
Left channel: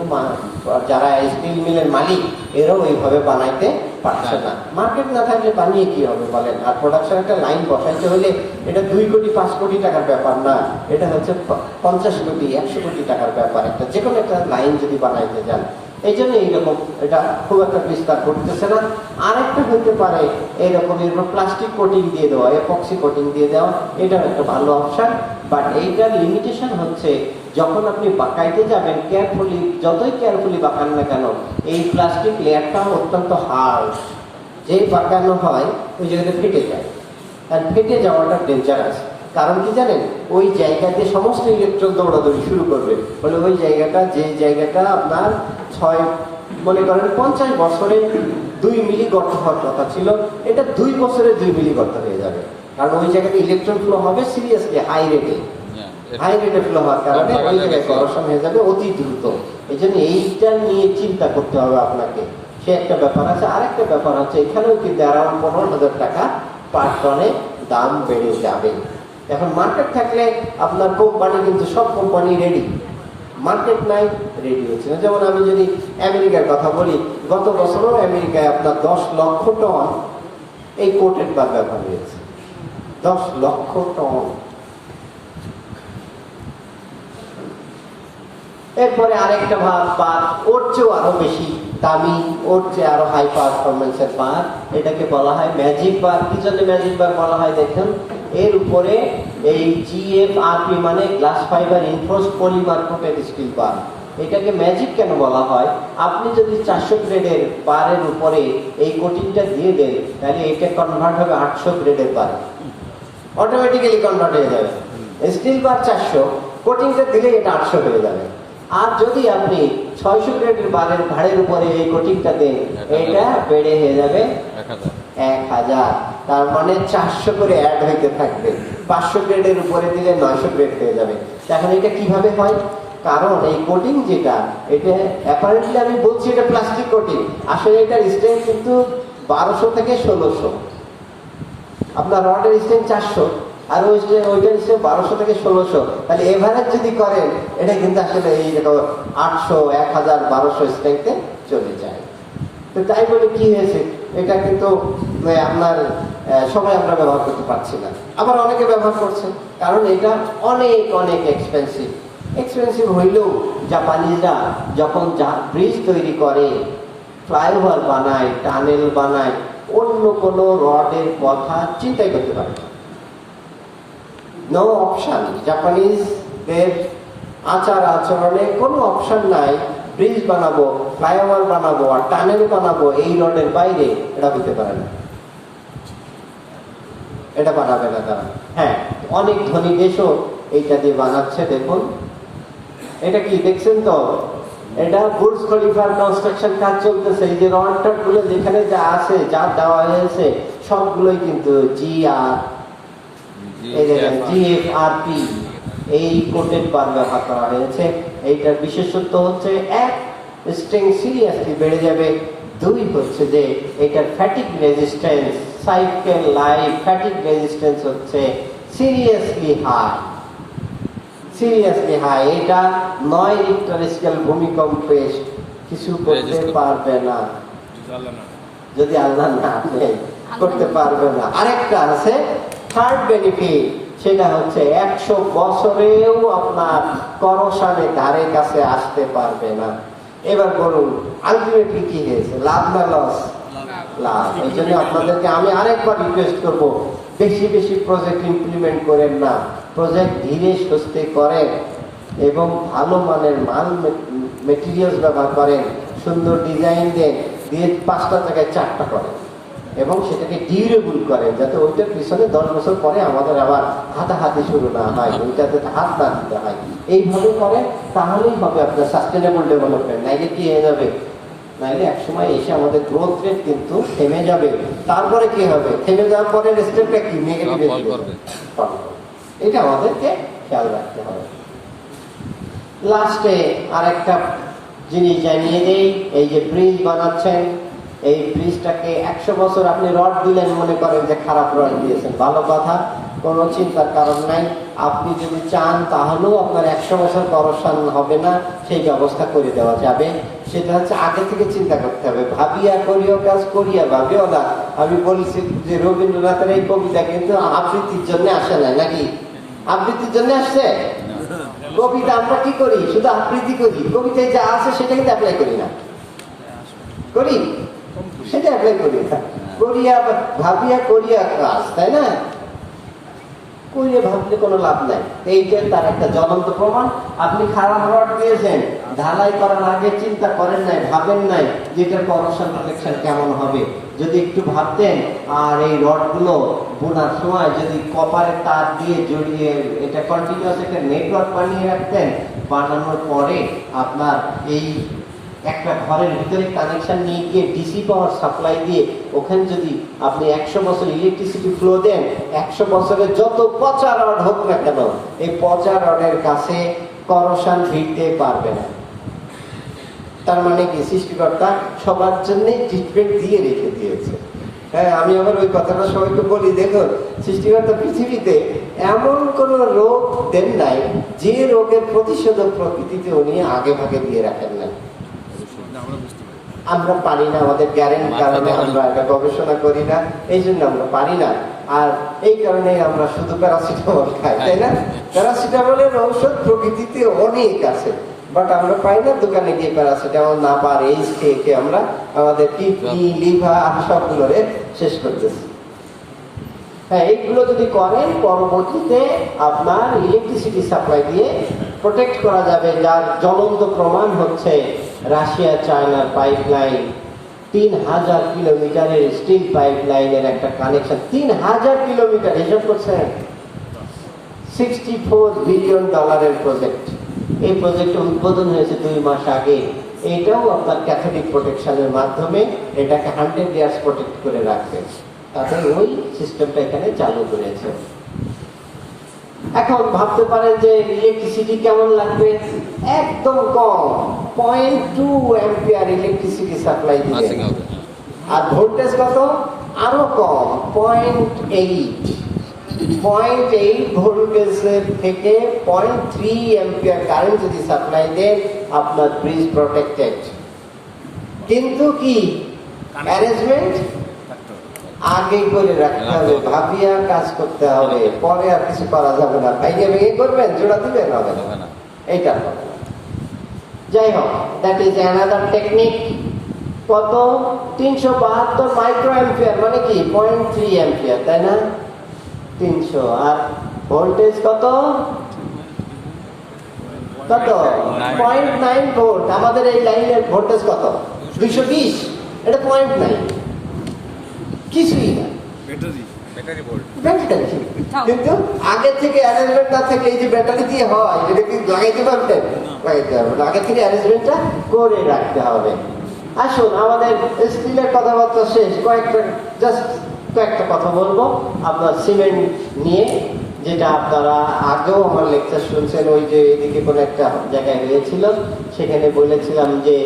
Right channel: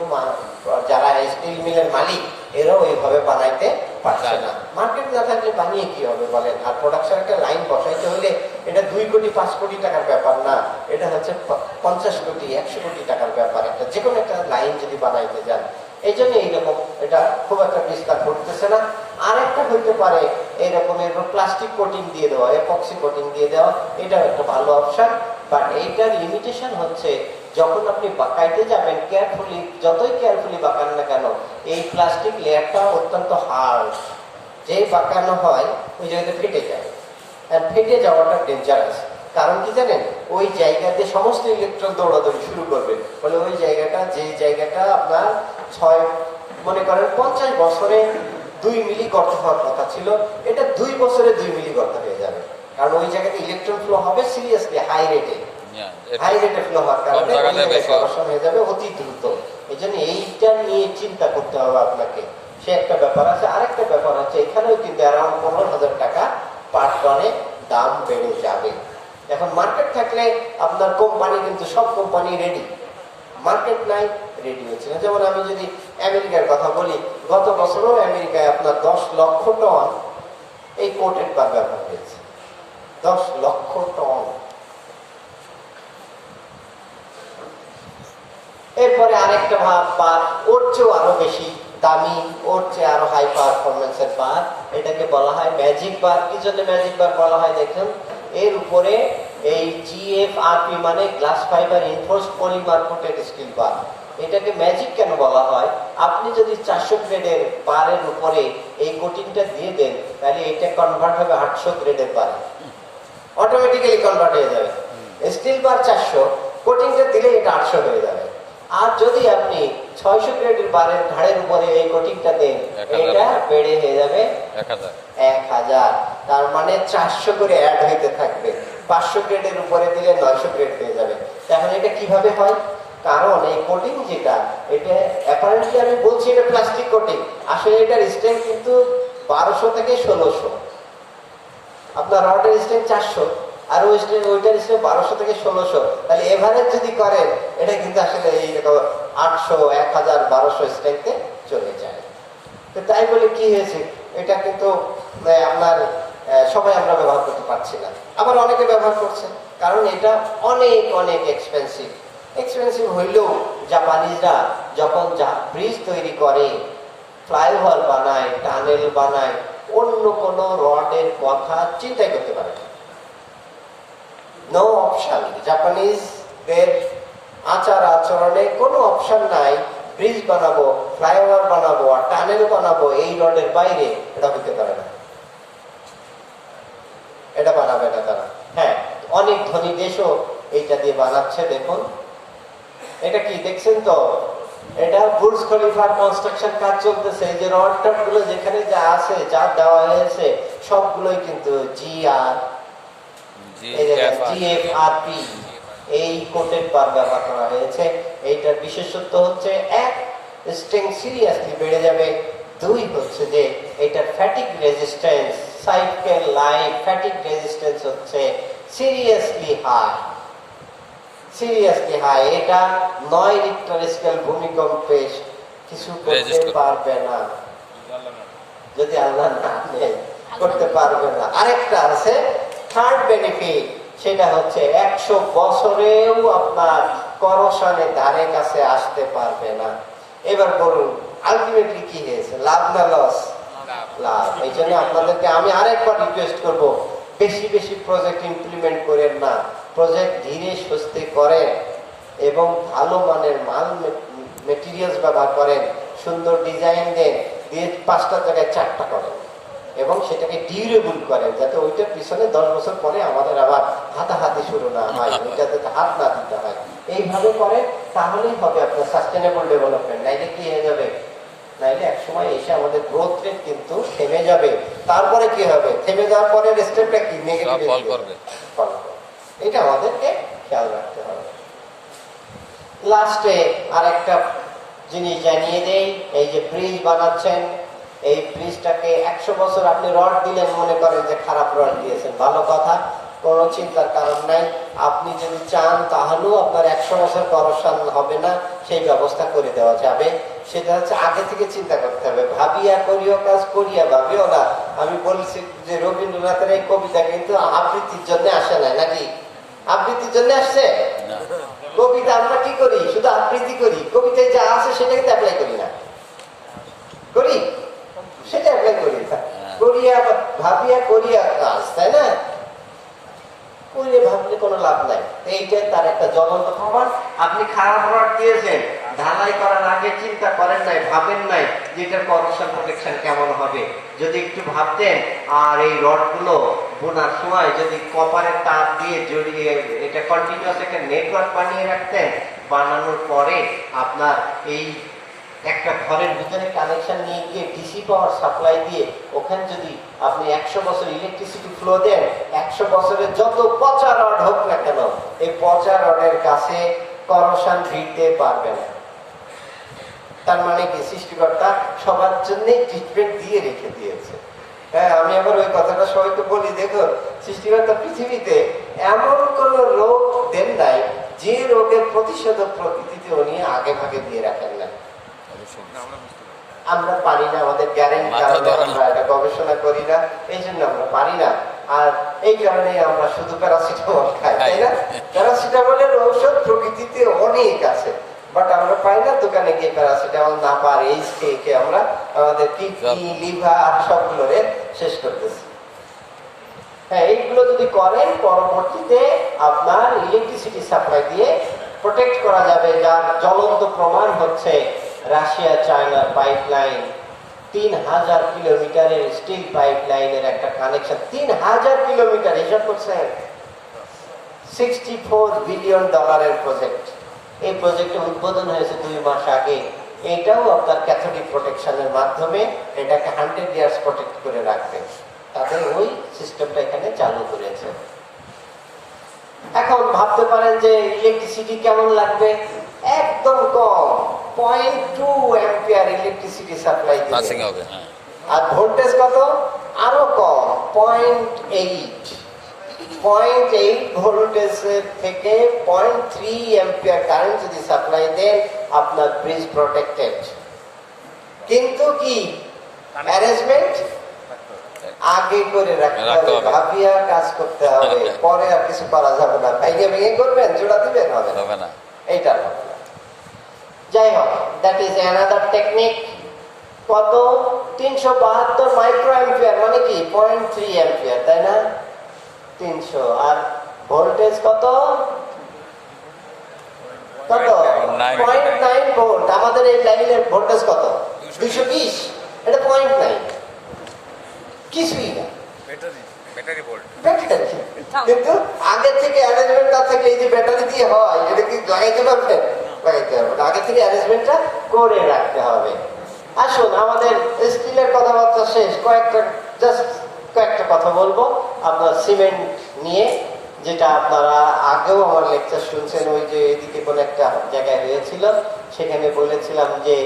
যারা স্টিল মিলের মালিক এরাও ওইভাবে বানাইতে পারছে না। মার্কেট না থাকলে বানিয়ে কি হবে বলেন? আর প্রোডাকশন একটা লাইন বসাইতে হলে এটা 2 কোটি 5 কোটি টাকার ব্যাপার না, এটা হচ্ছে 50 কোটি 100 কোটি টাকার ব্যাপার। একটা যে কোনো একটা লাইন যদি বানাইতে যান, এই জন্য এইরকম এটা খুব একটা বিস্তার করতেছে না। আরেকটা হইতে পারে এইরকম প্লাস্টিক কোটিং দিয়ে দেওয়া, এপক্সি কোটিং দিয়ে দেওয়া, এটা একটা ভালো অপশন। বাট এইটার লিমিটেশন হচ্ছে যখন আপনি বাঁকাইতে যাবেন কেয়ারফুলি, যতই কেয়ারফুলি বাঁকান না কেন এই প্লাস্টিক লেয়ারটা অত্যন্ত হার্ড, যে বাঁকানো হয় ওই জায়গাতে ফেটে যায়। আর ফেটে যাওয়াটা ডেঞ্জারাস। কারণ কি জানেন, ওই জায়গাতে সমস্ত ইলেকট্রন দৌড়াদৌড়ি শুরু করবে, বলে ওই জায়গাটা, যে জায়গাটা আপনার 50 বছরে 2 মিলি গর্ত হওয়ার কথা ছিল, এটা 2 বছরে 2 মিলি গর্ত হয়ে যাবে। কারণ ওই জায়গাতে ইলেকট্রন ফ্লো হবে সিরিয়াসলি হাই রেটে ফ্লো হওয়ার কারণে করোশন হয়ে যাবে অতি দ্রুত। এই জন্য এইটা নিয়ে চিন্তা করতে হবে আপনাকে, সে একটা ব্যাপার আছে। আরেকটা ব্যাপার হচ্ছে এখানেও কিন্তু অ্যারাউন্ড 15,000 টাকা পার টনে দাম বেড়ে যাবে। এখন মার্কেট থাকলে আপনার কোম্পানি, কিন্তু সব কোম্পানি রেডি, মার্কেট নাই, রেডি হচ্ছে না। যেমন আমি যদি আমেরিকার কথা বলি, গত বছরও আমেরিকায় আপনার 10 লক্ষ টন এই কোটেড বার ব্যবহার হয়েছে, 10 লক্ষ টন। এরপরে আরেকটা বার, ওর চেয়েও আরো বেশি দামি, ওর চেয়ে আরো হাই পারফরমেন্সের বার, এটাকে বলা হয় ম্যাজিক বার। কি জন্য ম্যাজিক বার বলা হয় দেখেন, এর উপরে এই GFRP মানে glass fibre reinforced polymer coated steel bar. এটাকে ম্যাজিক কেন বলা হয়? আপনি যদি 400 গ্রেডের বারের উপরে এই কোটিংটা দিয়ে দেন তাহলে এটা কনভার্ট হবে 800 গ্রেডের বার, অটোমেটিক্যালি কনভার্ট হয়ে যাবে। স্টিল বার 400, কোটিংটা দিলে এটা 800 হয়ে যাবে। আর যদি আপনি 600 গ্রেডের বারের ঘাড়ের উপরে এই কোটিংটা দেন, এটা বেড়ে হয়ে যাবে 1000। তার মানে 400 করে অ্যাড হইতে থাকবে। 500 গ্রেডের উপরে দিলে 900 গ্রেড হয়ে যাবে। তাহলে এটা কিভাবে হয়? কারণ এই কোটিং যেটা, এটা অ্যাপারেন্টলি আমি বলছি এটা প্লাস্টিক কোটিং, আসলে এটার স্ট্রেংথ কিন্তু 1200 থেকে 1600। আপনার রডের স্ট্রেংথ 400 আর ওইটার স্ট্রেংথ 1200 থেকে 1600, তাহলে এভারেজ যদি করেন এটা কিন্তু আসলে এইরকম 800, 1000, 1200 স্ট্রেংথে চলে যায়। তো তাই বলে কি হয়েছে, এটা কিন্তু আপনার সবাই আমরা ব্যবহার করতে পারছি না, আবার অনেকে ব্যবহার করছে, কারণ এটা অনেক অনেক এক্সপেন্সিভ হইলেও জাপানিজরা যখন ব্রিজ তৈরি করে, ফ্লাইওভার বানায়, টানেল বানায়, অন্য কোনো রডের কথা চিন্তাই করতে পারে না। নো অপশন, জাপানিজদের আচার আচরণে কোনো অপশন নাই ব্রিজ বানাবো, ফ্লাইওভার বানাবো আর টানেল বানাবো এই রডের বাইরে, এটা হইতে পারে না, এটা বানাবে না তারা। হ্যাঁ, অনেক ধনী দেশও এইটা দিয়ে বানাচ্ছে। দেখুন এটা কি দেখছেন তো, এটা বুর্জ খলিফার কনস্ট্রাকশন কাজ চলতেছে। এই যে রড গুলো যেখানে যা আছে, যা দেওয়া হয়েছে সবগুলোই কিন্তু জিএফআরপি এই কোটেড বার ব্যবহার করা হয়েছে। এইটার বিশেষত্ব হচ্ছে এক, স্ট্রেং সিরিয়াসলি বেড়ে যাবে, দুই হচ্ছে যে এটার fatigue resistance, cycle life fatigue resistance হচ্ছে সিরিয়াসলি হাই। এটা 9 রিক্টার স্কেল ভূমিকম্পে কিছু করতে পারবে না, যদি আল্লাহ না করতে পারবে না। আরেকটা আছে থার্ড বেনিফিট, সেটা হচ্ছে 100 বছরেও আপনার করোশনের ধারে কাছে আসতে পারবে না। এবার বলুন আলটিমেটলি কি হয়েছে, লাভ না লস? লাভ। এই জন্য আপনাদেরকে আমি আরেকবার রিকোয়েস্ট করবো, বেশি বেশি প্রজেক্ট ইমপ্লিমেন্ট করেন না, প্রজেক্ট ধীরে সুস্থে করেন এবং ভালো মানের মাল মেটেরিয়ালস ব্যবহার করেন, সুন্দর ডিজাইন দেন, দিয়ে 5টা জায়গায় 4টা করেন এবং সেটাকে ডিউরেবল করেন, যাতে ওইটার পিছনে 10 বছর পরে আমাদের আবার হাতাহাতি শুরু না হয়, ওইটাতে হাত না দিতে হয়। এইভাবে করেন, তাহলেই হবে আপনার সাস্টেনেবল ডেভেলপমেন্ট। নাইলে কি হয়ে যাবে, নাইলে একসময় এসে আমাদের গ্রোথ রেট কিন্তু থেমে যাবে। তারপরে কি হবে, থেমে যাওয়ার পরে স্টেপটা কি, নেগেটিভ। এটা আমাদেরকে খেয়াল রাখতে হবে। লাস্টে আর একটা জিনিস জানিয়ে দেই, এই যে ব্রিজ বানাচ্ছেন, এই ব্রিজটাকে 100 বছর আপনি রড দিলেন, মনে করেন যে খারাপ রড দিয়েছেন, ভালো কথা, কোনো চিন্তার কারণ নাই। আপনি যদি চান তাহলেও আপনার 100 বছর করোশন হবে না, সেই ব্যবস্থা করে দেওয়া যাবে। সেটা হচ্ছে আগে থেকে চিন্তা করতে হবে, ভাবিয়া করিও কাজ করিয়া ভাবিও না। আমি বলছি যে রবীন্দ্রনাথের এই কবিতা কিন্তু আবৃত্তির জন্য আসে না, নাকি আবৃত্তির জন্য আসছে? কবিতা আমরা কি করি, শুধু আবৃত্তি করি, কবিতায় যা আছে সেটা কিন্তু অ্যাপ্লাই করি না, করি সেটা অ্যাপ্লাই করি না, করিয়া ভাবিয়া করিয়া কাজ, তাই না? করিয়ে ভাবলে কোনো লাভ নাই। এইটাই তার একটা জ্বলন্ত প্রমাণ। আপনি খারাপ রড দিয়েছেন, ঢালাই করার আগে চিন্তা করেন নাই, ভাবেন নাই যে এটার করোশন প্রোটেকশন কেমন হবে। যদি একটু ভাবতেন, আর এই রডগুলো বোনার সময় যদি কপারের তার দিয়ে জড়িয়ে এটা কন্টিনিউয়াস একটা নেটওয়ার্ক বানিয়ে রাখতেন, বানানোর পরে আপনার এই একটা ঘরের ভিতরে কানেকশন নিয়ে গিয়ে ডিসি পাওয়ার সাপ্লাই দিয়ে ওখানে যদি আপনি 100 বছর ইলেকট্রিসিটি ফ্লো দেন, 100 বছরের যত পচা রড হোক না কেন, এই পচা রডের কাছে করোশন ভিড়তে পারবে না। তার মানে কি, সৃষ্টিকর্তা সবার জন্যই ট্রিটমেন্ট দিয়ে রেখে দিয়েছে। হ্যাঁ, আমি আবার ওই কথাটা সবাইকে বলি, দেখো সৃষ্টিকর্তা পৃথিবীতে এমন কোন রোগ দেন নাই যে রোগের প্রতিষেধক প্রকৃতিতে উনি আগে ভাগে দিয়ে রাখেন না। আমরা পারি না, আমাদের গ্যারেন্টি কারণে আমরা এটা গবেষণা করি না, এই জন্য আমরা পারি না। আর এই কারণে আমরা শুধু প্যারাসিটামল খাই, তাই না? প্যারাসিটামলের ঔষধ প্রকৃতিতে অনেক আছে, বাট আমরা পাই না। দোকানে গিয়ে প্যারাসিটামল না পার এই খেয়ে আমরা আমাদের কিডনি, লিভার সবগুলোরে শেষ করতেছি। হ্যাঁ, এইগুলো যদি করেন, পরবর্তীতে আপনার ইলেকট্রিসিটি সাপ্লাই দিয়ে প্রোটেক্ট করা যাবে। যার জ্বলন্ত প্রমাণ হচ্ছে রাশিয়া চায়নার পাইপলাইন, 3000 কিলোমিটারের স্টিল পাইপলাইনের একটা কানেকশন, 3000 কিলোমিটার, হিসাব করছেন, $64 বিলিয়ন প্রজেক্ট। এই প্রজেক্ট উদ্বোধন হয়েছে 2 মাস আগে। এটাও আপনার ক্যাথোলিক প্রোটেকশনের মাধ্যমে এটাকে 100 ইয়ার্স প্রোটেক্ট করে রাখবে, তাতে ওই সিস্টেমটা এখানে চালু করেছে। এখন ভাবতে পারেন যে ইলেকট্রিসিটি কেমন লাগবে, একদম কম, 0.2 অ্যাম্পিয়ার ইলেকট্রিসিটি সাপ্লাই দিবে। আর ভোল্টেজ কত, আরো কম, 0.8 ভোল্টেজের থেকে 0.3 অ্যাম্পিয়ার কারেন্ট যদি সাপ্লাই দেন, আপনার ব্রিজ প্রোটেক্টেড। কিন্তু কি অ্যারেঞ্জমেন্ট, আগেই করে রাখতে হবে, ভাবিয়া কাজ করতে হবে, পরে আর কিছু করা যাবে না। ভেঙে ভেঙে করবেন, জোড়া দিবেন, হবে না। এইটা যাই হোক, দ্যাট ইজ অ্যানাদার টেকনিক। কত? 372 মাইক্রো অ্যাম্পিয়ার, মানে কি 0.3 অ্যাম্পিয়ার, তাই না? 300। আর ভোল্টেজ কত? কত? 0.9 ভোল্ট। আমাদের এই লাইনের ভোল্টেজ কত? 220। এটা 0.9, কিছুই না, ব্যাটারি। কিন্তু আগে থেকে অ্যারেঞ্জমেন্ট না থাকলে, এই যে ব্যাটারি দিয়ে হয়, এটা কি লাগাইতে পারবেন? লাগাইতে হবে না, আগে থেকে অ্যারেঞ্জমেন্টটা করে রাখতে হবে। আসুন, আমাদের স্টিলের কথাবার্তা শেষ, কয়েকটা কথা বলবো আপনার সিমেন্ট নিয়ে, যেটা আপনারা আগেও আমার লেকচার শুনছেন। ওই যে এদিকে কোনো একটা জায়গায় হয়েছিল, সেখানে বলেছিলাম যে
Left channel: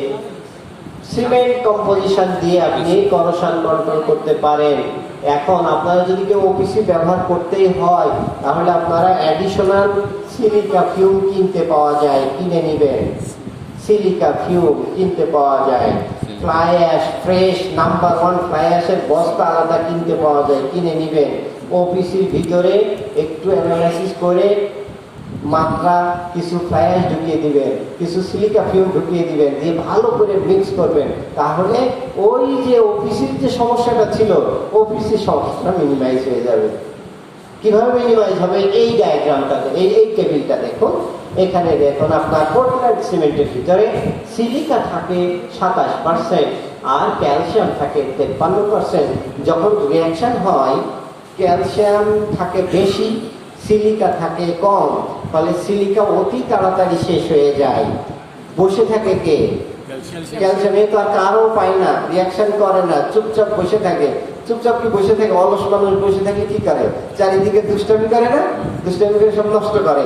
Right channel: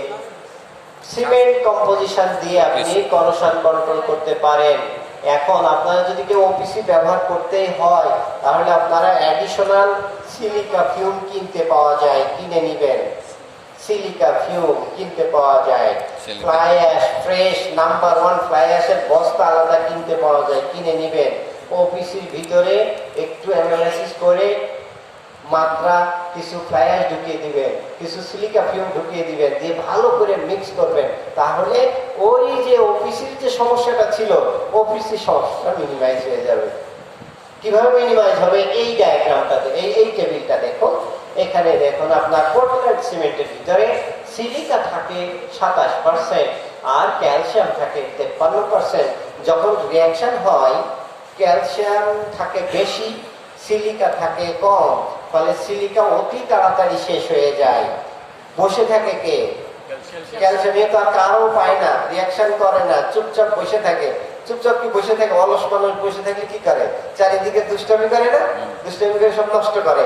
সিমেন্ট কম্পোজিশন দিয়ে আপনি করোশন কন্ট্রোল করতে পারেন। এখন আপনারা যদি কেউ ওপিসি ব্যবহার করতেই হয়, তাহলে আপনারা অ্যাডিশনাল সিলিকা ফিউম কিনতে পাওয়া যায়, কিনে নিবেন। সিলিকা ফিউম কিনতে পাওয়া যায়, fly ash, fresh number 1 fly অ্যাশের বস্তা আলাদা কিনতে পাওয়া যায়, কিনে নিবেন। ওপিসির ভিতরে একটু অ্যানালাইসিস করে মাত্রা কিছু ফ্লাই অ্যাশ ঢুকিয়ে দিবেন, কিছু সিলিকা ফিউম ঢুকিয়ে দিবেন, দিয়ে ভালো করে মিক্স করবেন। তাহলে ওই যে ওপিসির যে সমস্যাটা ছিল, ওপিসির সমস্যাটা মিনিমাইজ হয়ে যাবে। কিভাবে মিনিমাইজ হবে? এই ডায়াগ্রামটা, এই টেবিলটা দেখুন। এখানে দেখুন, আপনার পোর্টল্যান্ড সিমেন্টের ভিতরে সিলিকা থাকে 27% আর ক্যালসিয়াম থাকে 53%। যখন রিঅ্যাকশন হয়, ক্যালসিয়াম থাকে বেশি, সিলিকা থাকে কম, তাহলে সিলিকা অতি তাড়াতাড়ি শেষ হয়ে যায়। বসে থাকে কে? ক্যালসিয়াম। তো আর কারো পায় না, রিঅ্যাকশন করে না, চুপচাপ বসে থাকে। চুপচাপ কি বসে থাকে? অলস মানুষ বসে থাকলে কি করে? চারিদিকে দুষ্টামি করে না? দুষ্টামি করে সব নষ্ট করে।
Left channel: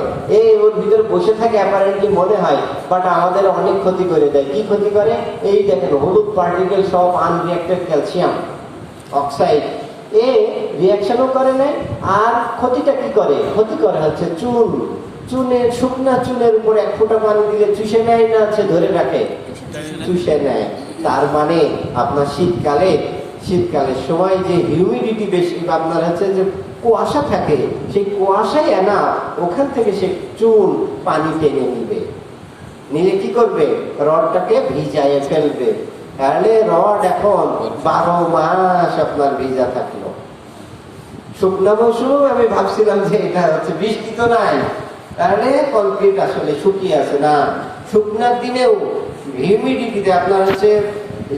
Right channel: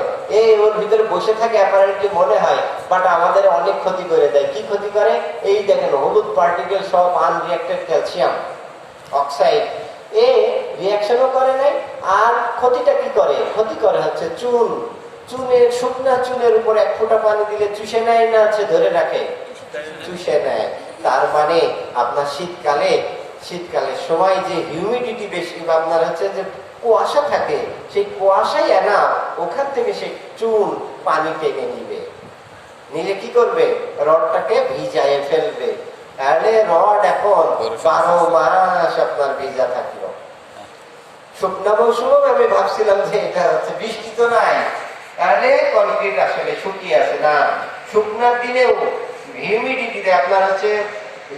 ওর ভিতরে বসে থাকে, অ্যাপারেন্টলি মনে হয়, বাট আমাদের অনেক ক্ষতি করে দেয়। কি ক্ষতি করে? এই দেখেন, হলুদ পার্টিকেল সব আনরিঅ্যাক্টেড ক্যালসিয়াম অক্সাইড। রিঅ্যাকশনও করে না, আর ক্ষতিটা কি করে? ক্ষতি করে হচ্ছে চুনের, শুকনা চুনের উপর 1 ফোঁটা পানি দিলে চুষে নেয় না, আছে ধরে রাখে? চুষে নেয়। তার মানে আপনার শীতকালের সময় যে হিউমিডিটি বেশি, আপনার হচ্ছে যে কুয়াশা থাকে, সেই কুয়াশাই না, ওখান থেকে সে চুন পানি টেনে নিলে কি করবে? রডটাকে ভিজায় ফেলবে। তাহলে রড এখন 12 মাস আপনার ভিজা থাকলো। শুকনা মৌসুমে আমি ভাবছিলাম যে এটা হচ্ছে বৃষ্টি তো নাই, তাহলে কনক্রিট আসলে শুকিয়ে আছে না। শুকনার দিনেও হিউমিডিটিতে আপনার হচ্ছে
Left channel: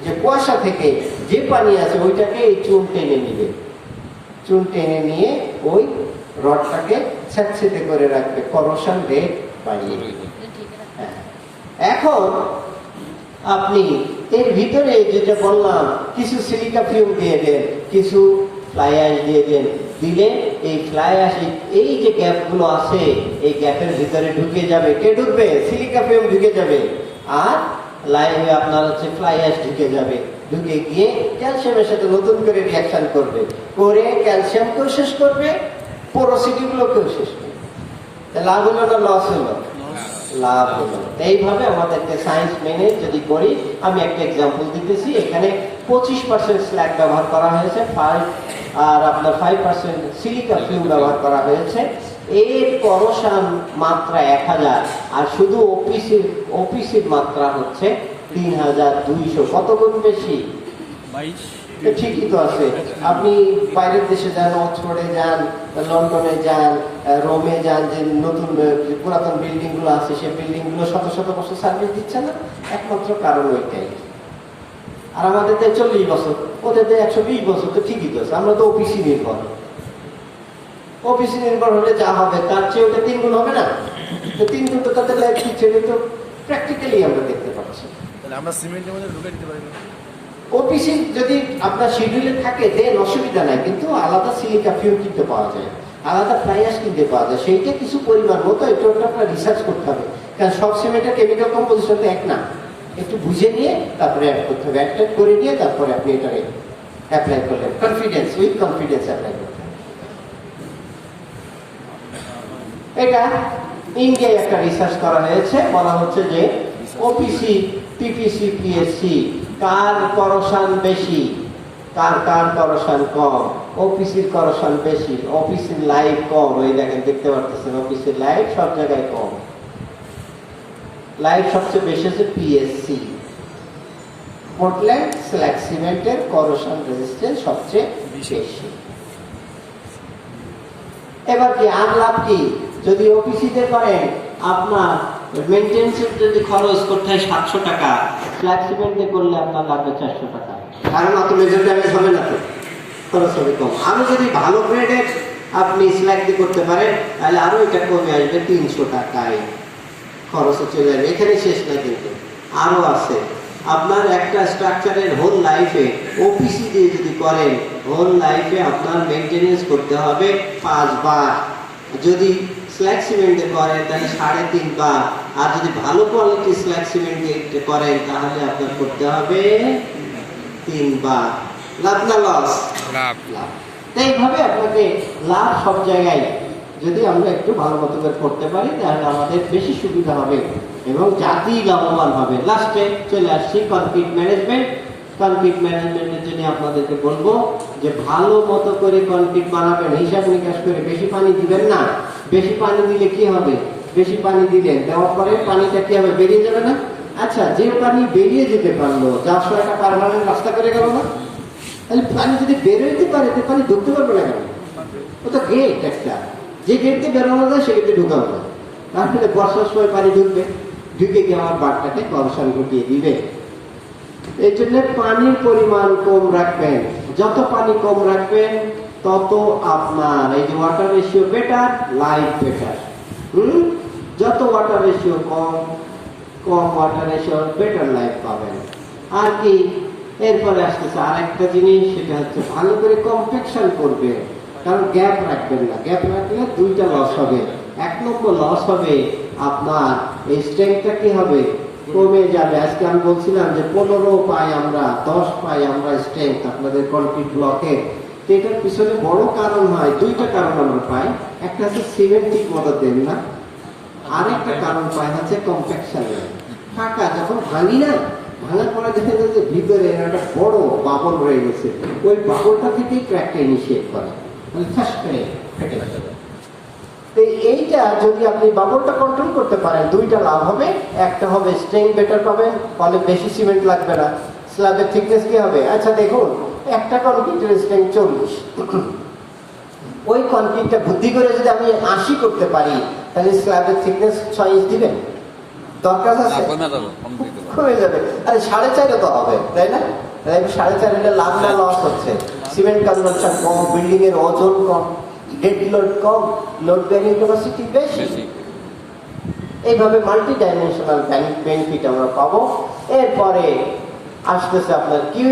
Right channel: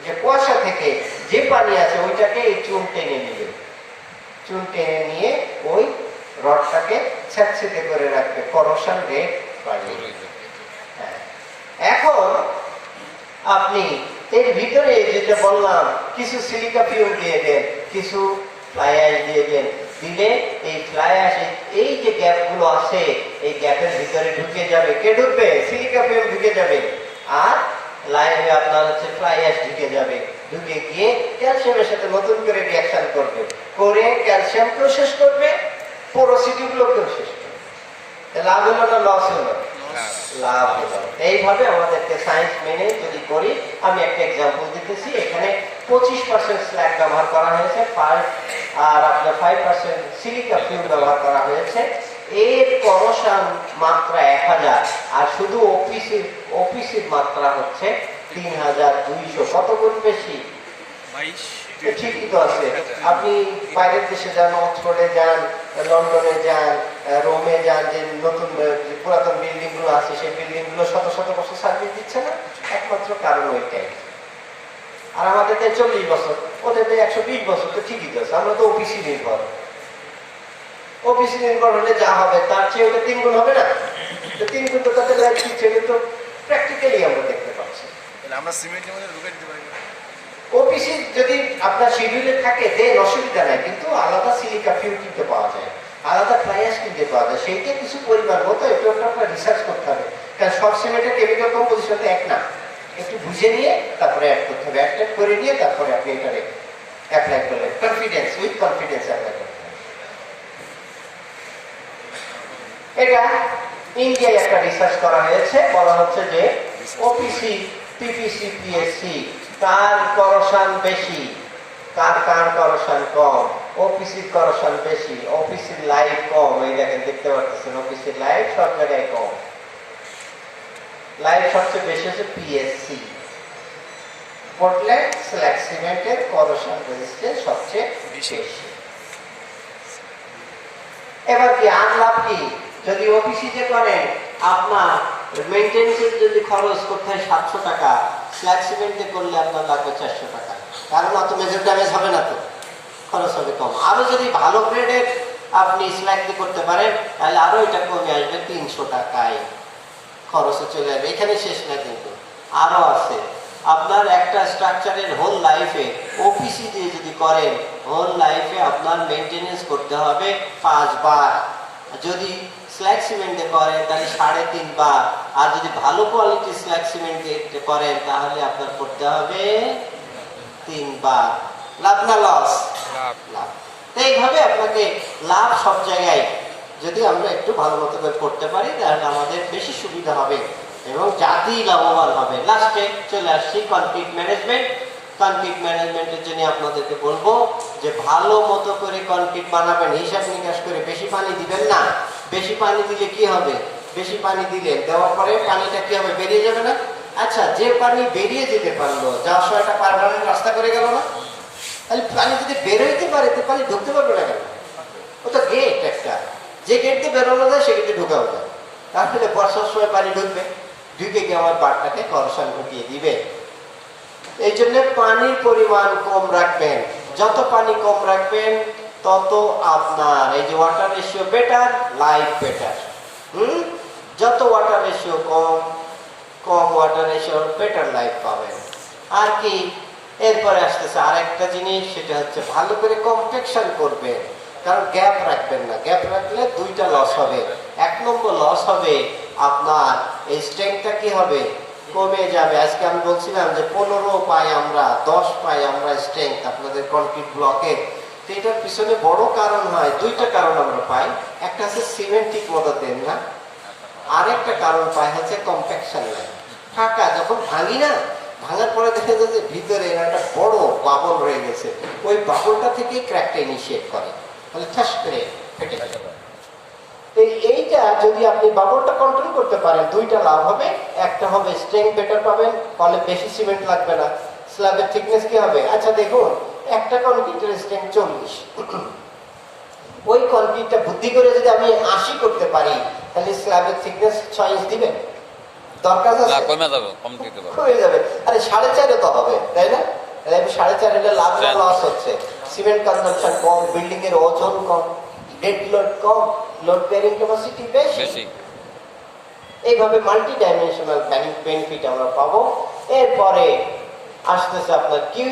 যে কুয়াশা থেকে যে পানি আছে, ওইটাকে এই চুন টেনে নিবে। চুন টেনে নিয়ে ওই রডটাকে স্যাঁতসেঁতে করে রাখবে, করোশন রেট বাড়িয়ে দিবে। এখন আপনি এর ভিতরে যেটা বললাম, কিছু সিলিকা ফিউম দিয়ে দেন, কিছু ফ্লাই অ্যাশ দিয়ে দেন। দিলে এই ফ্লাই অ্যাশ, এই যে গ্যাপগুলো আছে, এই গ্যাপের ভিতরে ঢুকে যাবে। কে ঢুকবে? সিলিকা ফিউম ঢুকে যাবে, আর লাইনে আপনার হচ্ছে ফ্লাই অ্যাশ ঢুকে যাবে। ঢুকে গিয়ে ক্যালসিয়ামের সাথে নতুন করে রিঅ্যাকশন করবে, করে ক্যালসিয়ামকেও শেষ করবে, পোরোসিটি গুলোকেও শেষ করবে। লাভ হলো না লস হলো? লাভ হলো। এইভাবে আমাদেরকে সায়েন্স মেনে যদি করি, আমি একটা এক্সাম্পল দিতেছি। এখানে 25% স্ল্যাগ ব্যবহার করা হয়েছে, আর আপনার 5% সিলিকা ফিউম ব্যবহার করা হয়েছে। এর করোশন মাত্রা 1000, আর শুধু ওপিসির মাত্রা হচ্ছে 3200। কত গুণ বেশি? ঠিকই তো আছে। আপনি বাইরের দেশে যান, অক্সফোর্ডে যান, লন্ডনে যান, রোমে যান, যে নতুন পুরাতন বিল্ডিং গুলো আছে, সেই বিল্ডিং গুলো শত শত বছর সার্ভিস দিচ্ছে না, একমাত্র কারণ ওইটাই। আর আমাদের 40 বছর, ওদের 120 বছর, তো ঠিকই তো আছে। আমরা তো ওপিসি নির্ভর। ওপিসি নির্ভর হলে যা হবে, তার চেয়ে ওটা 3 গুণ হবে না? তো 3 গুণ তো তাদের ছেলে তো প্র্যাকটিক্যালি আমরা দেখতে পাচ্ছি। আমরা সিমেন্টের মধ্যে ঢুকে দিতে পারি না। ওপিসি যদি আপনার শিডিউলে থাকে, দেন অসুবিধা নাই, কিন্তু আলাদা সিলিকা ফিউম কিনতে পাওয়া যায়, আলাদা ফ্লাই অ্যাশ কিনতে পাওয়া যায়। সেইটা কিছু পরিমাণ মতো, এটা আপনার রিসার্চ করতে হবে, কারণ সব সিমেন্টের কেমিক্যাল কম্পোজিশন এক না। একটু বুঝে নিয়ে তারপরে অ্যাড করতে হবে, অ্যাড করে নিয়ে তারপরে আপনি এটা অ্যাপ্লাই করলেন, উইথ কনফিডেন্স অ্যাপ্লাই করতে। এটা ইন্ডিয়ায় একটা রিসার্চ করা হয়েছে, বলা হচ্ছে যে ওপিসি, পিপিসি, পিএসসি, তার করোশন বেশি, কার কার করশন কম, অফিসের করশন বেশি, অফিসের লাইফ কম। এই দেখেন, দেখতে পাচ্ছেন অফিসের লাইফ সব জায়গায় কম। লাইফ সবচেয়ে বেশি হচ্ছে পিএসসি, পোর্টল্যান্ড স্ল্যাগ সিমেন্টের করশন রেজিস্ট্যান্স সবচেয়ে বেশি। এবার কি আর লাভ কি? যদি অফিসিতে করেন, আপনার মেইনটেনেন্সের যদি খরচ করতে হয় 700 টাকা, স্ল্যাগ সিমেন্টে করলে আপনার লাগবে 400 টাকা। কারণ অত মেজর ড্যামেজ হবে না, তো খরচ হবে কম। আরো যদি ভালো গ্রেডের আপনি স্ল্যাগ দিয়ে করতে পারেন, তাহলে আরো এটা কমে আসবে 300 টাকায়, খরচ চলে যাবে। এখানে শেষ না, কিন্তু আরো আছে। আপনার একটা স্ট্রাকচারের হোল লাইফে ওপিসি দিয়ে যদি করেন, হোল লাইফে আপনার মেইনটেনেন্স করতে হবে 5 বার। যদি স্ল্যাগ সিমেন্টে করেন তাহলে 3.5 বার। আর যদি ভালো কোয়ালিটির স্ল্যাগ সিমেন্টে করেন তাহলে আপনার করতে হবে 3 বার। লাভ না লস? লাভ। লাভ। এইভাবে আপনাকে লাভ সব জায়গায় যদি আমরা একটু ভালো মতো করে করতে পারি, তাহলে আমাদের বেশি সুবিধা হবে এবং জাতি লাভবান হবে। লাস্টে চলে আসছি কনফ্লিক্ট ম্যানেজমেন্ট। কনফ্লিক্ট ম্যানেজমেন্টের জন্য আপনাদেরকে বলবো যে ভালো মতো করে কনফ্লিক্ট বানাবেন, হিসাব নিকাশ করে। বেশি পানি দিবেন না। বেশি পানি দিলে কি হবে? বেশি পানি দিলে দেওয়ার পরে পানিটা কি হবে? বেরিয়ে যাবে না? আচ্ছা, যে পানি বেরিয়ে যেতে পারলো, যার একটা পার্মানেন্ট রাস্তা করে গেল না? তাহলে পানি যদি বেরোইতে পারে, তো পানি ঢুকতে পারবে না কেন? ওটা গেট একটা, যে গেট দিয়ে বেরোনো যায় সে গেটে ঢুকানো যায়। তাহলে বর্ষার সময় পানি ঢুকবে, ঢুকে গিয়ে আমার বাড়টাকে করশন ঢুকিয়ে দিবে। এই জন্য পানির পরিমাণ কম রাখবেন। যত পানি কম রাখবেন তত আপনার এই যে water ratio better, life better. যত ওয়াটার রেশিও কম, কম ওয়াটার রেশিও বেটার লাইফ পাবেন। আর কি এরপরে আসতেছে আরেকটা জিনিস, সেটা হচ্ছে ভালো করে কম্প্যাকশন করবে। কারণ গ্যাপ রাখবেন না। গ্যাপ রাখলে দুইটা লস হবে। 1 নম্বর লস হবে আপনার এই স্ট্রেংথটা কি হবে? কমে যাবে। আজকে আমি বলছিলাম যে 15 পাই আমরা, 10 পাই আমরা স্ট্রেংথ আপনাদের কনক্রিট ব্লকে। তো এটার পিছনে বড় কারণ হয়, দুইটা কারণ আমরা পাই। একটা হচ্ছে সিমেন্ট ঠিক মতো দেন না, আরেকটা কারণ পাই হচ্ছে কম্প্যাকশন। ফাঁকা যখন ভাঙি না, ভাঙার পরে দেখা যায় যে ভিতরে একটা বড় বাবল রয়ে গেছে। ওই বাবলটা থেকে ক্র্যাকটা ইনিশিয়েট করে, তাহলে ঠাস করে ফেটে যাবে। এইটা যদি আপনি বাবলটা কন্ট্রোল করতে পারেন, দুইটা লাভ হবে। একটা হবে স্ট্রেংথ বেটার পাবেন, ফলে বেশি সিমেন্ট লাগবে না। স্ল্যাবের থিকনেস কি হবে? আচ্ছা দেখুন, একটা কনক্রিটের স্ট্রেংথ 40, ওই কনক্রিটটা বুদ্ধি করে যদি আমি 80 করতে পারি, তাহলে স্ল্যাবের থিকনেস 6 ইঞ্চ দিবেন? দরকার আছে? কমে যাবে। আরে 4.5 তো হবে, তাই না? তাহলে 4.5 এটা লাভ না লস হচ্ছে? সিমেন্ট কনজাম্পশন কম, বিল্ডিং এর ওজন কম, ডেড লোড কম, লোড বেয়ারিং ক্যাপাসিটি বেশি। এইভাবে মাল্টি ডাইমেনশনাল বেনিফিট আমরা পাবো। এরপরে আসতেছে আপনার কিউ